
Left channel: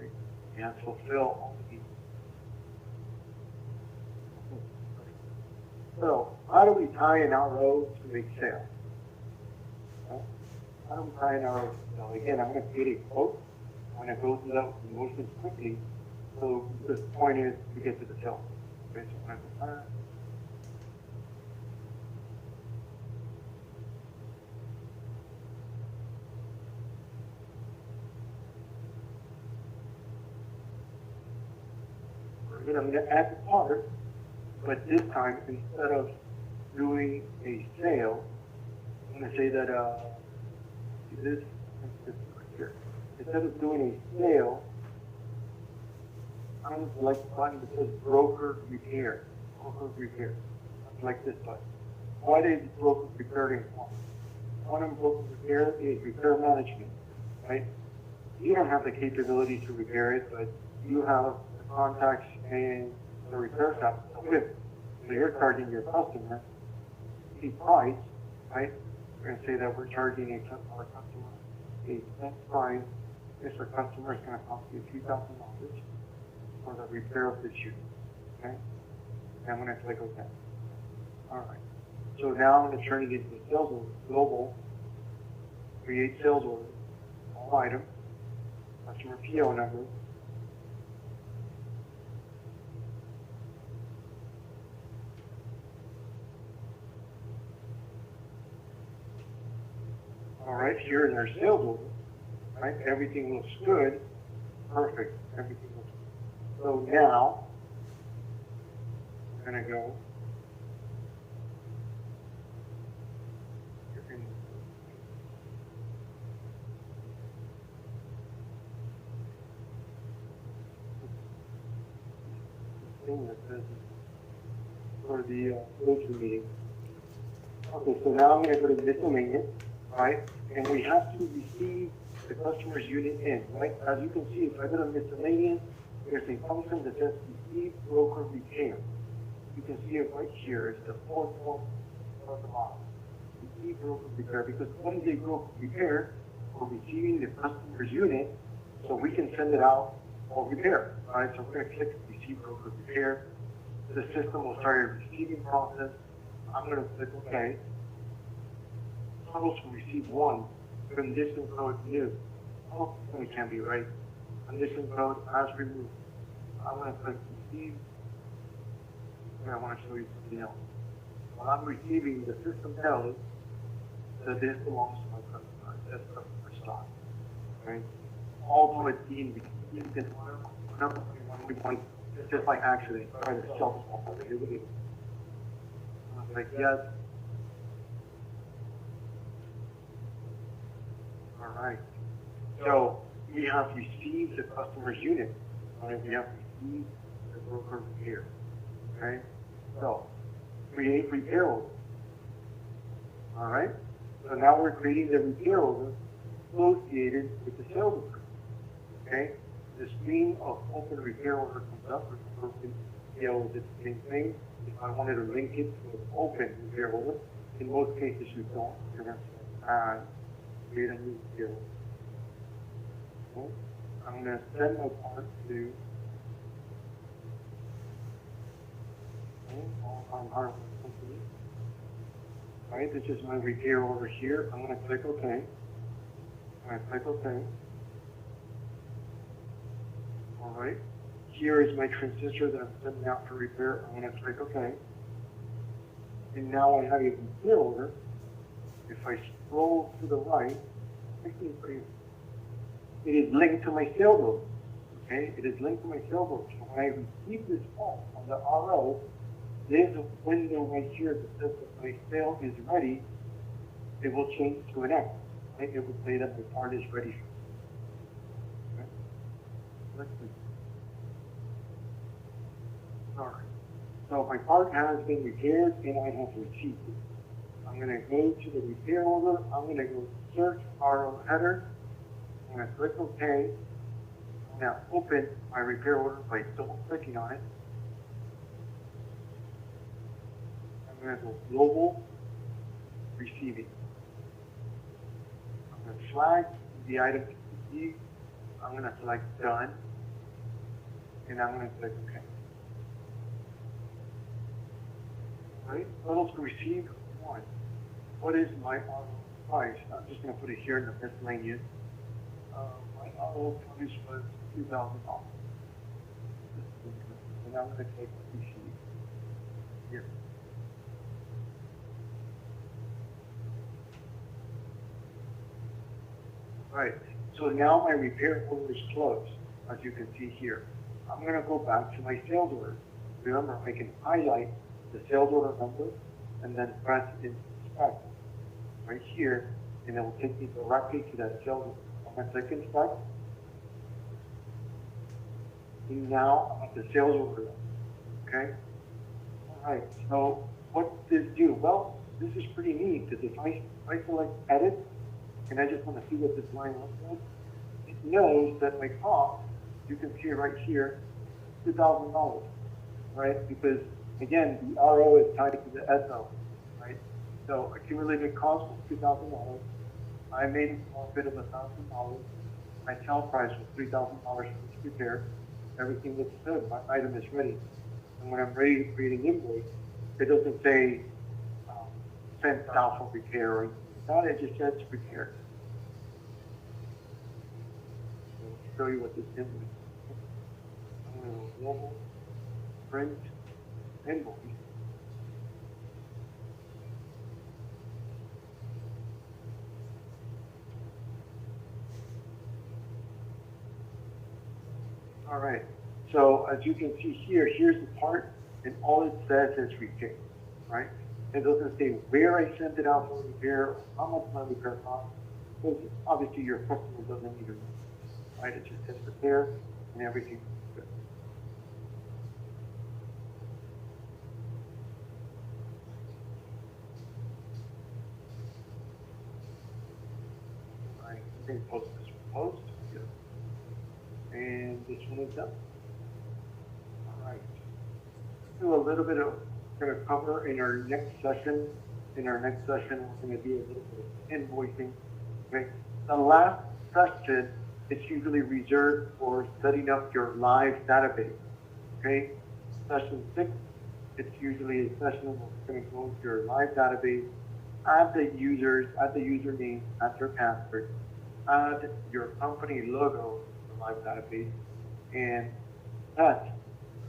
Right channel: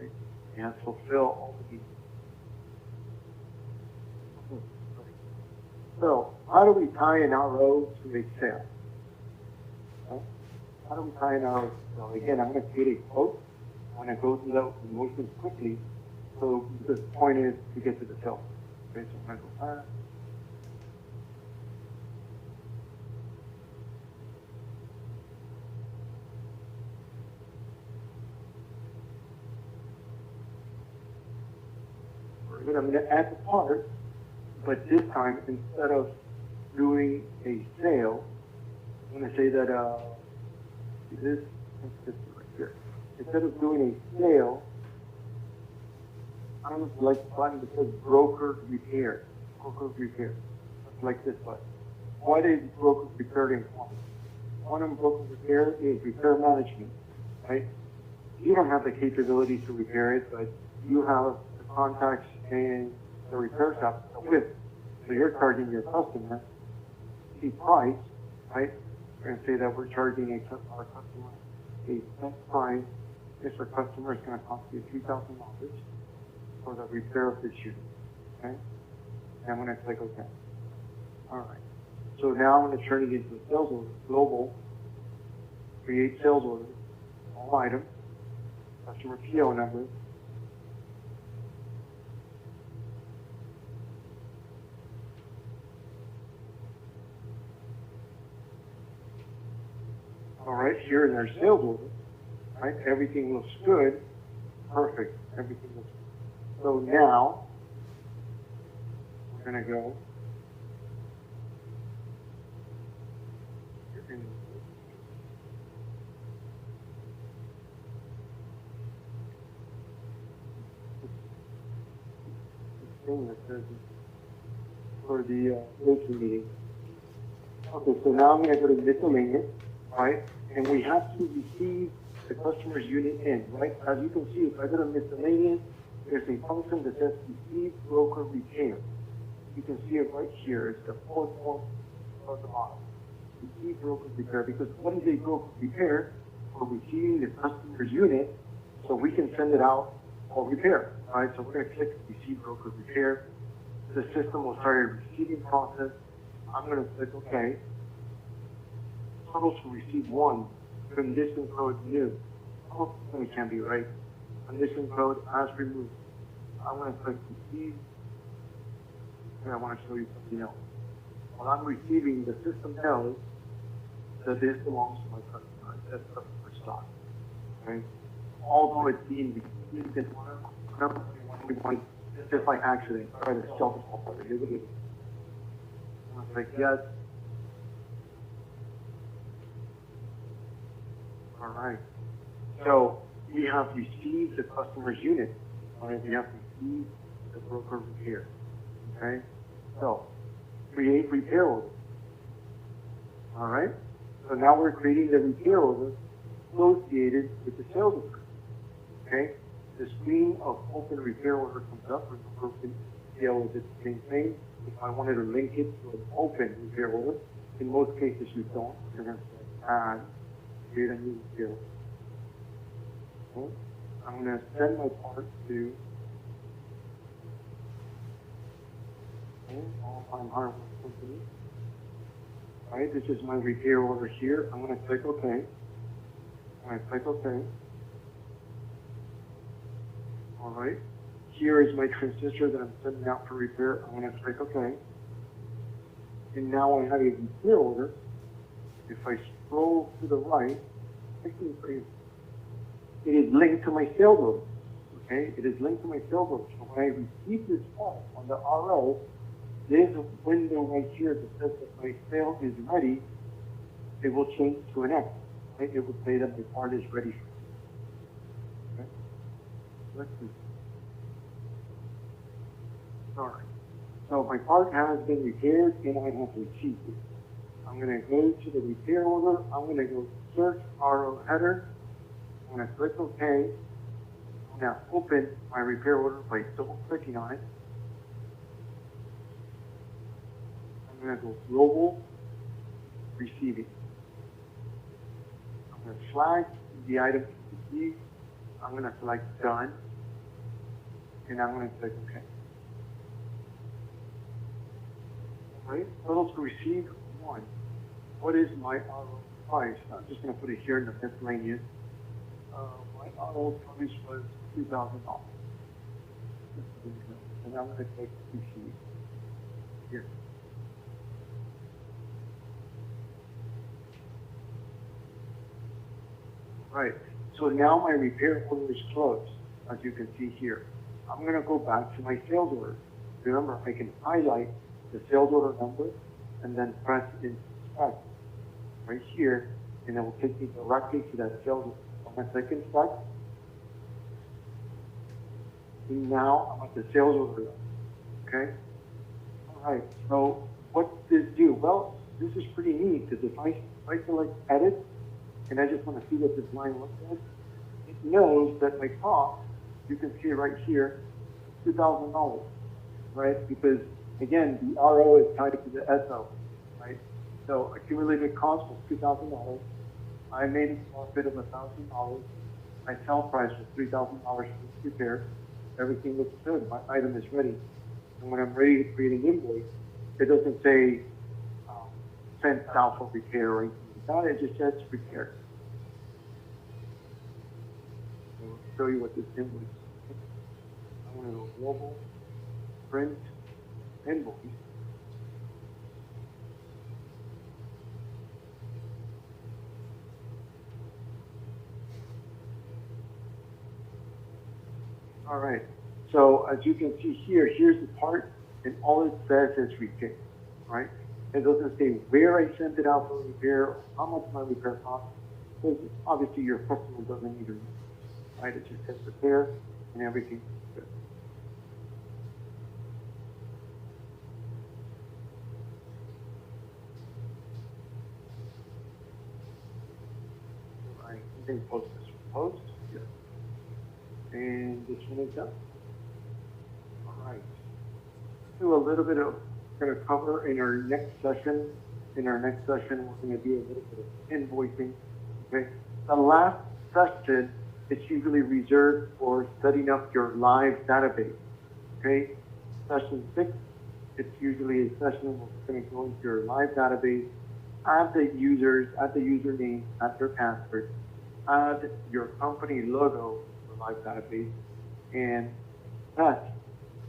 is and fulfill all the needs. So, how do we tie an RO to a sale? Okay? How do we tie an RO? Well, again, I'm going to create a quote. I'm going to go through the motions quickly. So, the point is to get to the sale. Okay, so I'm going to go back. Then I'm going to add the part, but this time, instead of doing a sale, I'm going to say that, instead of doing a sale, I'm going to select the button that says broker repair. Broker repair. I'll select this button. What is broker repair important? One of broker repair is repair management, right? You don't have the capability to repair it, but you have the contacts and the repair shop with. So you're charging your customer the price, right? You're going to say that we're charging our customer a set price. If our customer is going to cost you $2,000 for the repair of the shoe, okay? And I'm going to click OK. All right. So now I'm going to turn it into sales order, global, create sales order, all items, customer PO number. All right, here is our sales order. Right, everything looks good, perfect. Everything looks good. So now we're going to go for the coaching meeting. Okay, so now I'm going to go to miscellaneous, right? And we have to receive the customer's unit in, right? As you can see, if I go to miscellaneous, there's a function that says receive broker repair. You can see it right here. It's the fourth one at the bottom. Receive broker repair, because what is a broker repair? We're receiving the customer's unit, so we can send it out for repair, right? So we're going to click receive broker repair. The system will start a receiving process. I'm going to click OK. Totals from receive 1, condition code new. Oh, it can be right. Condition code as removed. I'm going to click receive. And I want to show you something else. When I'm receiving, the system tells that this belongs to my customer. That's customer stock. Okay? Although it's being received in just like accident, or the self-responsible. I'm like, yes. All right. So we have received the customer's unit, and we have received the broker repair. Okay. So create repair order. All right. So now we're creating the repair order associated with the sales order. Okay. The screen of open repair order comes up with the open PO is the same thing. If I wanted to link it to an open repair order, in most cases you don't. You're going to say add, create a new repair order. Okay. I'm going to send my part to on hardware company. All right, this is my repair order here. I'm going to click OK. I'm going to click OK. All right. Here is my transistor that I'm sending out for repair. I'm going to click OK. And now I have a repair order. If I scroll to the right, it is linked to my sales order. Okay, it is linked to my sales order. So when I receive this call on the RO, there's a window right here that says that my sale is ready. It will change to an X. Okay? It will say that the part is ready. Okay? Let's see. All right. So my part has been repaired and I have received it. I'm going to go to the repair order. I'm going to go search RO header. I'm going to click OK. I'm going to open my repair order by double clicking on it. I'm going to go global receiving. I'm going to flag the item to receive. I'm going to select done. And I'm going to click OK. Alright, totals received 1. What is my auto price? I'm just going to put it here in the miscellaneous. My auto price was $2,000. And I'm going to click receive here. Alright, so now my repair order is closed, as you can see here. I'm going to go back to my sales order. Remember, I can highlight the sales order number and then press inspect right here, and it will take me directly to that sales order. I'm going to click inspect. And now I'm at the sales order. Okay? Alright, so what does this do? Well, this is pretty neat because if I select edit, and I just want to see what this line looks like, it knows that my cost, you can see it right here, $2,000, right? Because again, the RO is tied to the SO, right? So accumulated cost was $2,000. I made a profit of $1,000. My sale price was $3,000 for this repair. Everything looks good. My item is ready. And when I'm ready to create an invoice, it doesn't say sent out for repair or anything like that. It just says repair. So I'll show you what this invoice is. I'm going to go global, print, invoice. All right. So as you can see here, here's the part, and all it says is repair, right? It doesn't say where I sent it out for repair, or how much my repair cost, because obviously your customer doesn't even know, right? It just says repair and everything. I can post this post, yes. And this one is done. All right. Do a little bit of going to cover in our next session. In our next session, we're going to do a little bit of invoicing. Okay. The last session is usually reserved for setting up your live database. Okay. Session 6, it's usually a session where we're going to go into your live database, add the users, add the username, add their password, add your company logo to the live database, and test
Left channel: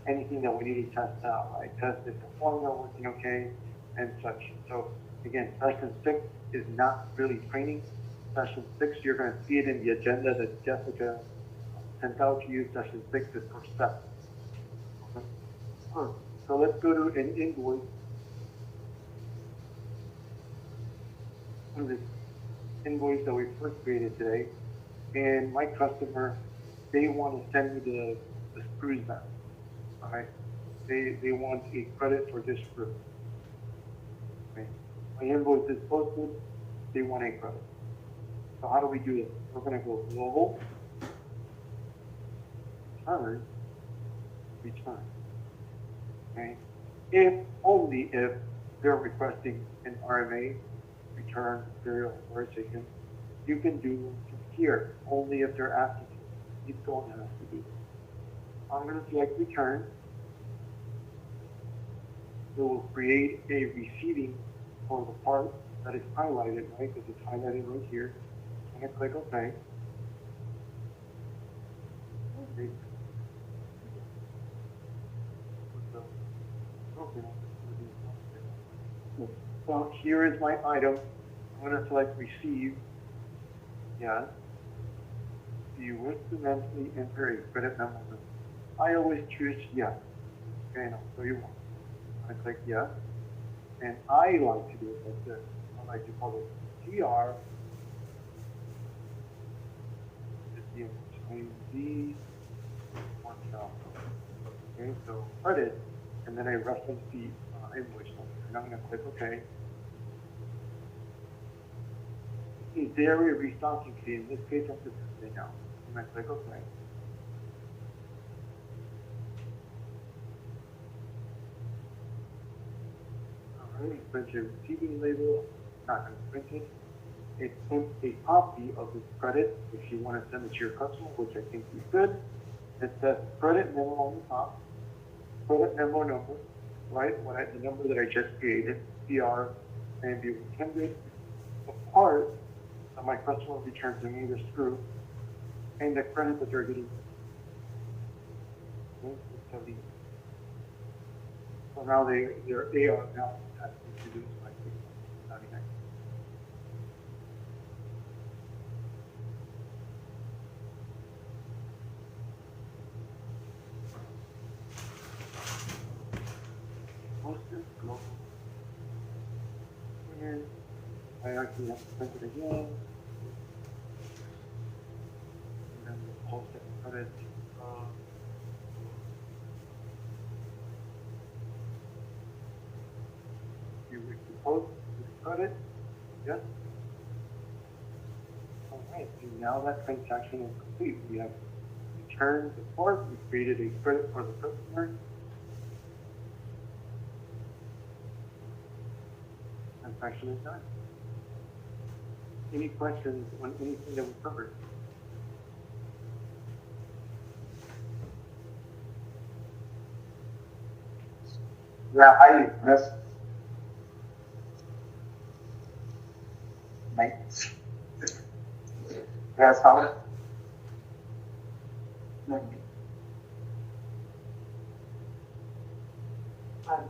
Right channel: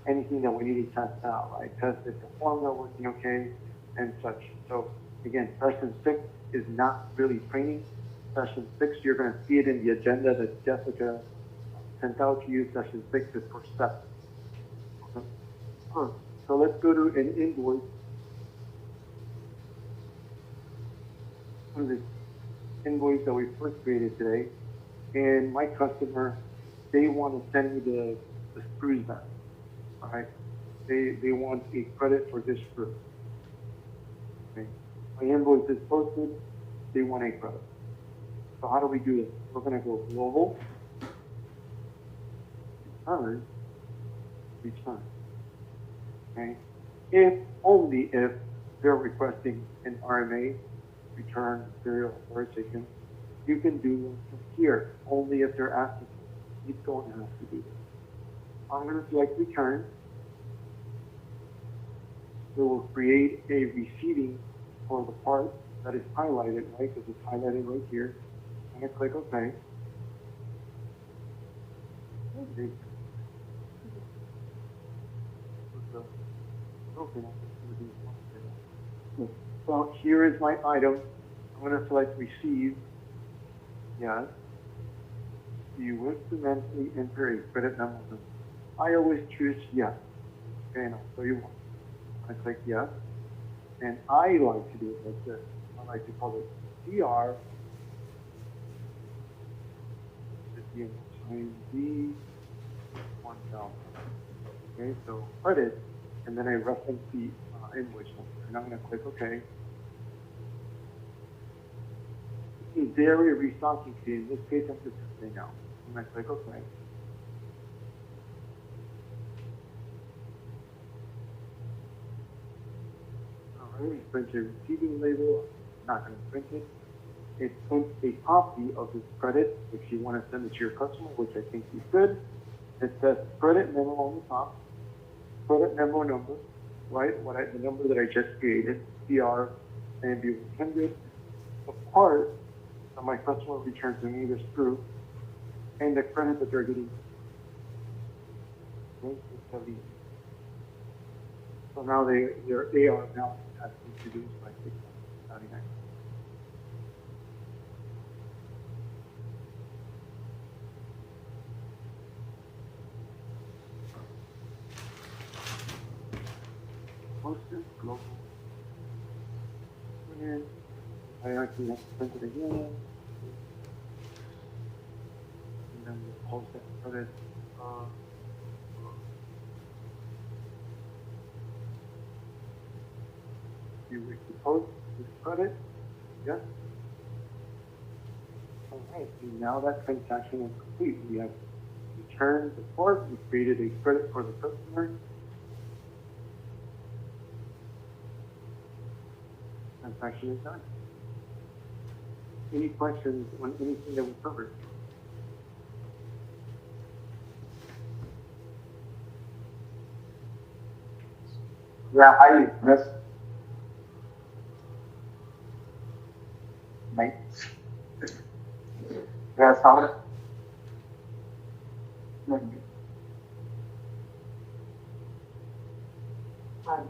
anything that we need to test out, right? Test if the formula working okay and such. So again, session 6 is not really training. Session 6, you're going to see it in the agenda that Jessica sent out to you. Session 6 is for steps. Okay. So let's go to an invoice. This invoice that we first created today, and my customer, they want to send me the screws back. All right, they want a credit for this screw. Okay, my invoice is posted. They want a credit. So how do we do this? We're going to go global, return. Okay, if only if they're requesting an RMA, return serial authorization, you can do from here. Only if they're asking for it. You don't have to do this. I'm going to select return. It will create a receiving for the part that is highlighted, right? Because it's highlighted right here. I'm going to click OK. So here is my item. I'm going to select receive. Yes. Do you wish to mentally enter a credit memo? I always choose yes. Okay, and I'll show you one. I click yes. And I like to do it like this. I like to call it TR. D 1000. Okay, so credit and then I reference the invoice number. And I'm going to click OK. This is dairy restocking fee. In this case, I'm just saying now. I'm going to click OK. It's going to receiving label. Not going to print it. It sent a copy of this credit if you want to send it to your customer, which I think you could. It says credit memo on the top, credit memo number, right? The number that I just created, CR and be 100. The part that my customer returned to me was true, and the credit that they're getting. Okay, so now they are now asking to use my system. And I actually have to print it again. And then the post that credit. You post the credit. Yeah. Alright, and now that transaction is complete. We have returned the part, we created a credit for the customer. Transaction is done. Any questions on anything that we covered? Yeah, yes. Nice. Yes, how? I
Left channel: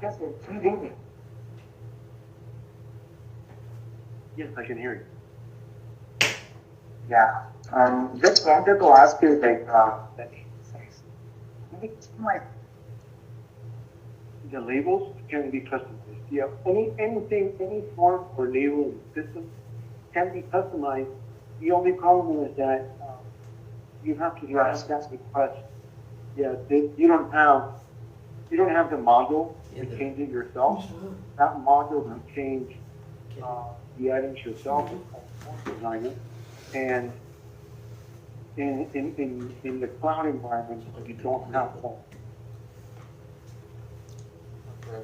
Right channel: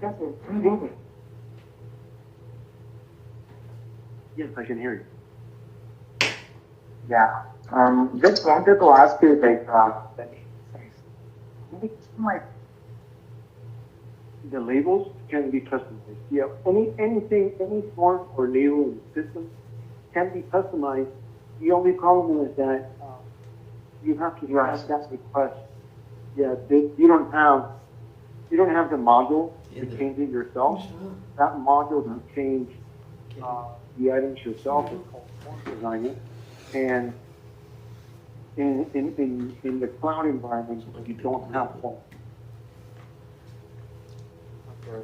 guess it's 3 Yes, I can hear you. Yeah. Just wanted to ask you, like, the labels can be customized. Yeah, any form or label in the system can be customized. The only problem is that you have to ask that request. Yeah, you don't have the module to change it yourself. That module will change the items yourself as designer. And in the cloud environment, you don't have that. Okay.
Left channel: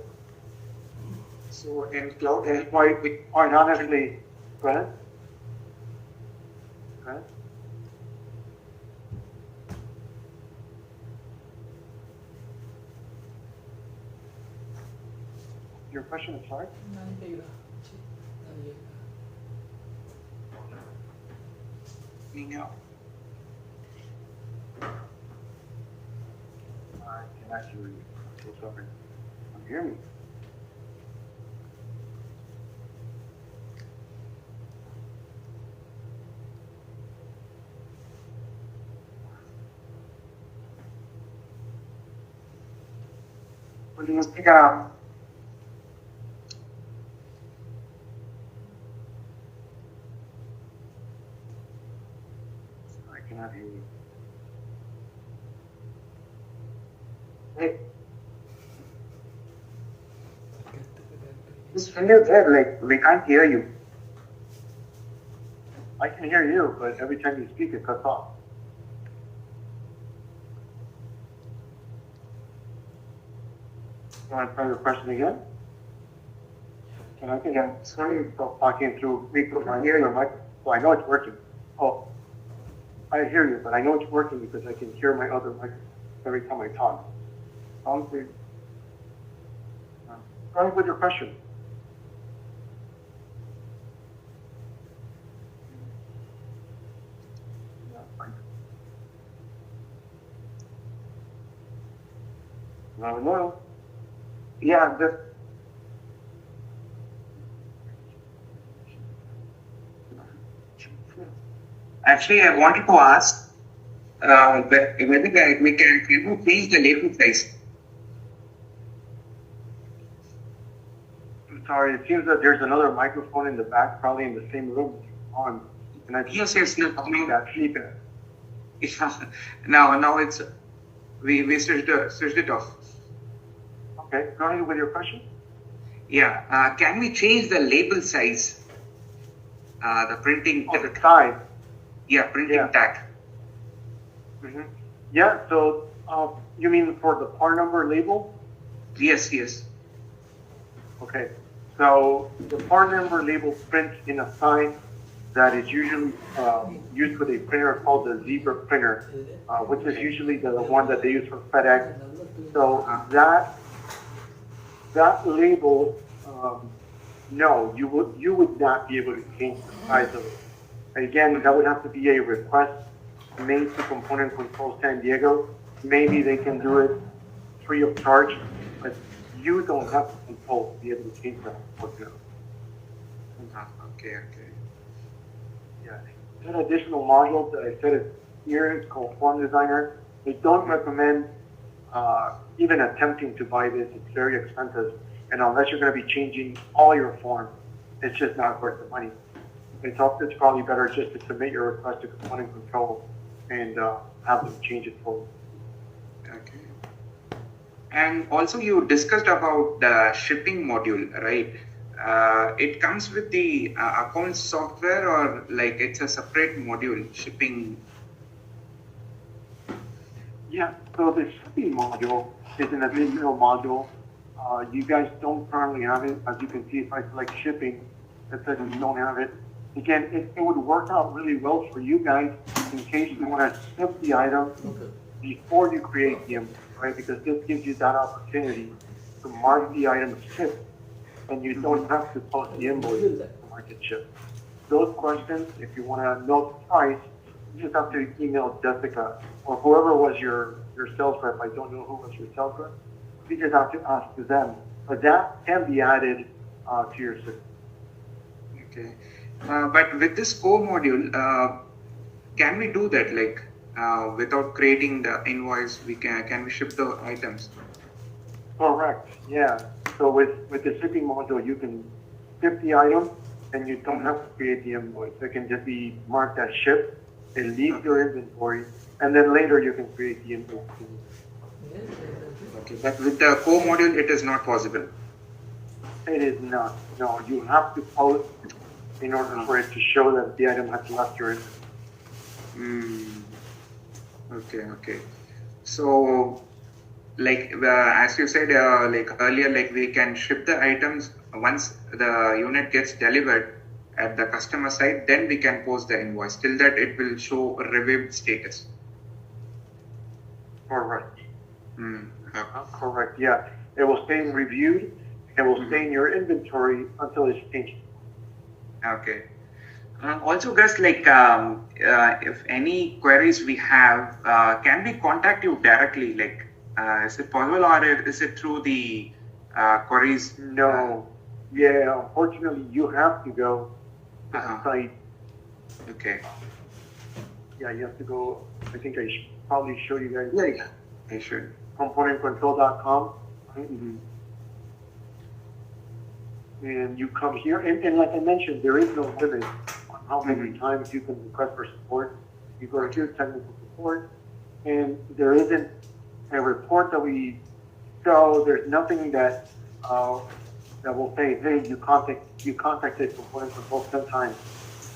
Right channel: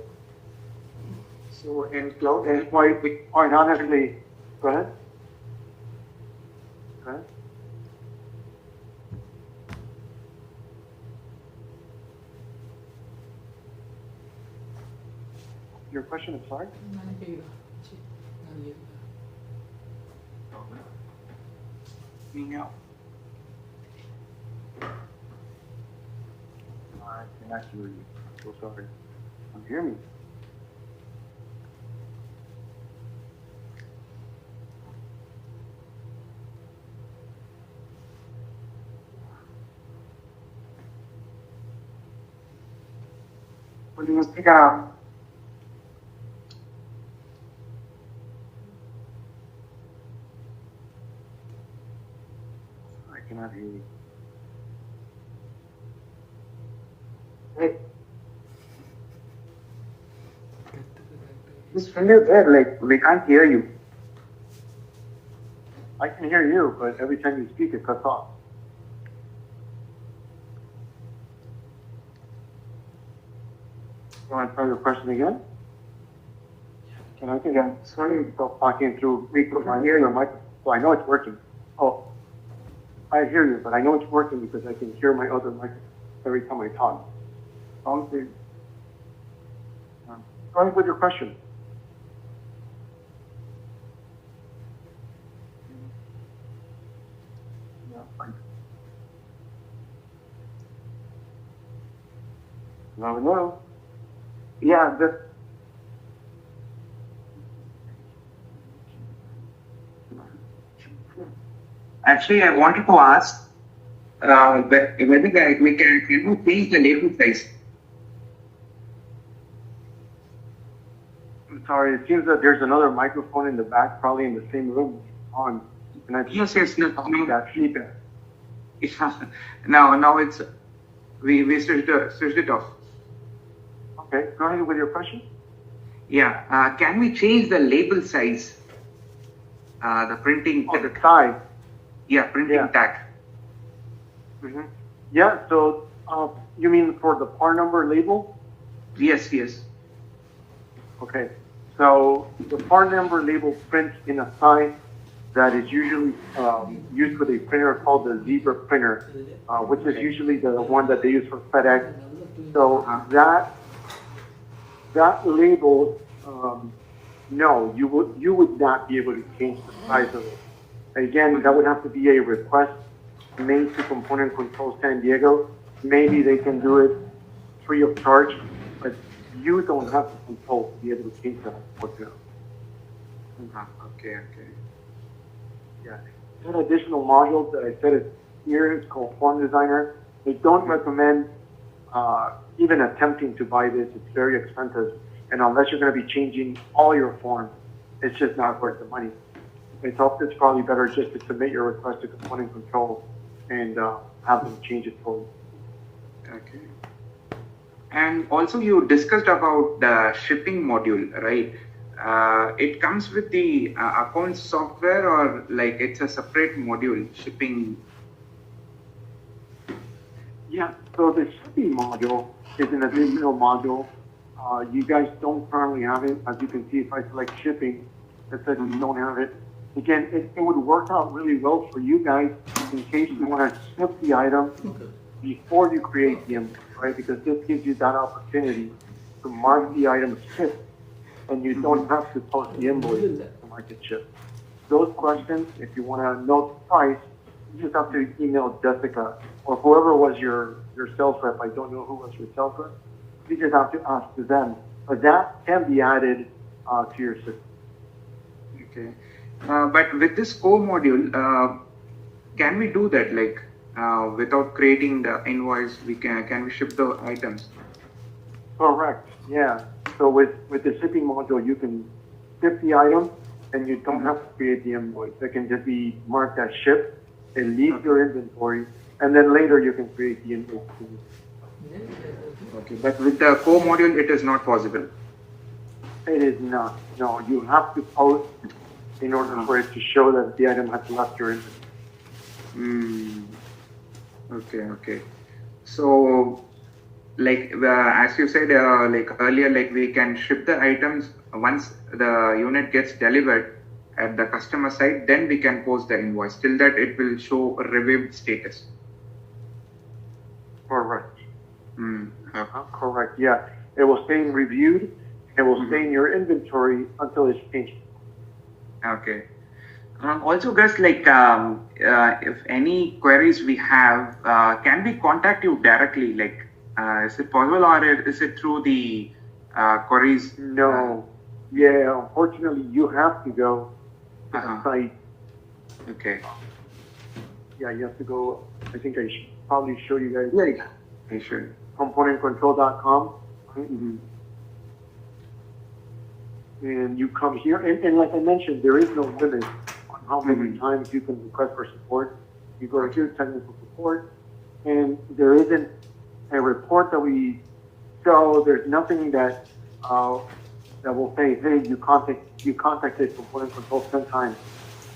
So in cloud, That's why we are not actually. Go ahead. Go ahead. Your question is sorry? I can actually. I'm so sorry. Can you hear me? yeah. I cannot hear you. Like, can you hear? Like, we can't hear you. I can hear you, but every time you speak, it cuts off. You want to try your question again? Can I get Yeah, sorry. stop talking through my mic? So I know it's working. Oh, I hear you, but I know it's working because I can hear my other mic every time I talk. Sounds good. Go ahead with your question. Hello. Yeah, just actually, I wanted to ask whether we can change the label size. I'm sorry, it seems that there's another microphone in the back, probably in the same room. On. Can I Yes, no, that feedback? now it's we switched it off. Okay, go ahead with your question. Yeah. Can we change the label size? The printing. Oh, the size. Yeah, printing Yeah. tag. Mm-hmm. Yeah, so you mean for the part number label? Yes, yes. Okay, so the part number label prints in a sign that is usually used with a printer called the Zebra printer, which is usually the one that they use for FedEx. So that label, no, you would not be able to change the size of it. Again, that would have to be a request made to Component Control San Diego. Maybe they can do it free of charge, but you don't have the control to be able to change that. Okay. Okay, okay. Yeah. One additional module that I said is here is called Form Designer. I don't recommend even attempting to buy this. It's very expensive, and unless you're going to be changing all your forms, it's just not worth the money. It's probably better just to submit your request to Component Control and have them change it for you. Okay. And also you discussed about the shipping module, right? It comes with the account software, or like it's a separate module, shipping? Yeah, so the shipping module is an additional module. You guys don't currently have it. As you can see, if I select shipping, it says we don't have it. Again, it would work out really well for you guys in case you want to ship the item before you create the invoice, right? Because this gives you that opportunity to mark the item shipped, and you don't have to post the invoice to mark it shipped. Those questions, if you want to know the price, you just have to email Jessica or whoever was your sales rep. I don't know who was your sales rep. You just have to ask to them. But that can be added to your system. Okay. But with this core module, can we do that? Like without creating the invoice, can we ship the items? Correct. Yeah. So with the shipping module, you can ship the item, and you don't have to create the invoice. It can just be marked as shipped. It leaves your inventory, and then later you can create the invoice. Okay. But with the core module, it is not possible. It is not. No, you have to post in order for it to show that the item has left your inventory. Okay, okay. So, like as you said, like earlier, like we can ship the items once the unit gets delivered at the customer side, then we can post the invoice. Till that, it will show a reviewed status. Correct. Okay. Correct. Yeah, it will stay in reviewed. It will stay in your inventory until it's changed. Okay. Also, guys, like if any queries we have, can we contact you directly? Like, is it possible, or is it through the queries? No. Yeah, unfortunately, you have to go to the site. Okay. Yeah, you have to go. I think I should probably show you guys. Yeah, yeah, sure. Componentcontrol.com. And you come here, and like I mentioned, there is no limit on how many times you can request for support. You go to technical support, and there isn't a report that we show. There's nothing that that will say, hey, you contacted Component Control 10 times.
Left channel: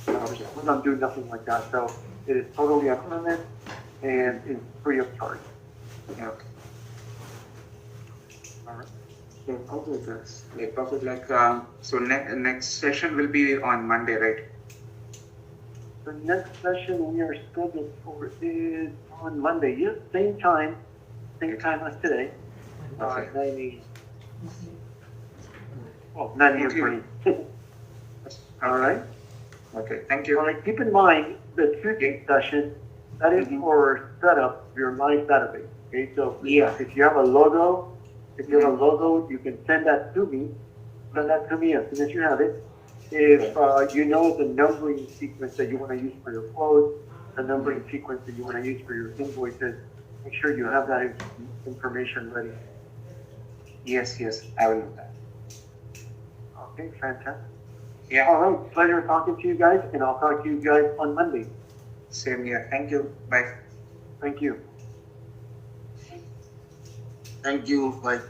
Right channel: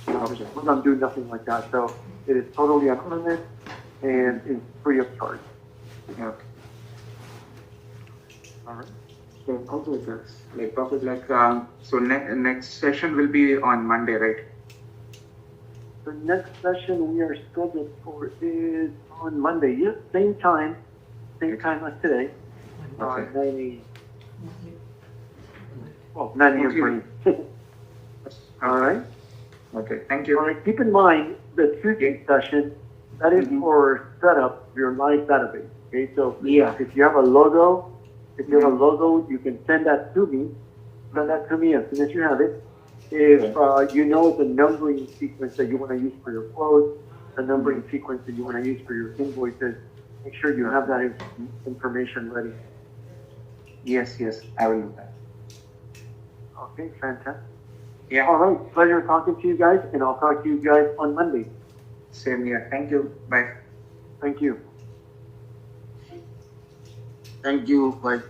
We're not doing nothing like that. So it is totally anonymous and it's free of charge. Okay. All right. So also that's like perfect. Like so next session will be on Monday, right? The next session we are scheduled for is on Monday. Yes, same time as today. Okay. 9 a.m. Well, 9 a.m. for you. All right. Okay. Thank you. All right. Keep in mind the Tuesday session that is for setup your live database. Okay. So if you have a logo, you can send that to me. Send that to me as soon as you have it. If you know the numbering sequence that you want to use for your quotes, the numbering sequence that you want to use for your invoices, make sure you have that information ready. Yes, I will do that. Okay, fantastic. Yeah. All right, pleasure talking to you guys, and I'll talk to you guys on Monday. Same here. Thank you. Bye. Thank you. Thank you. Bye.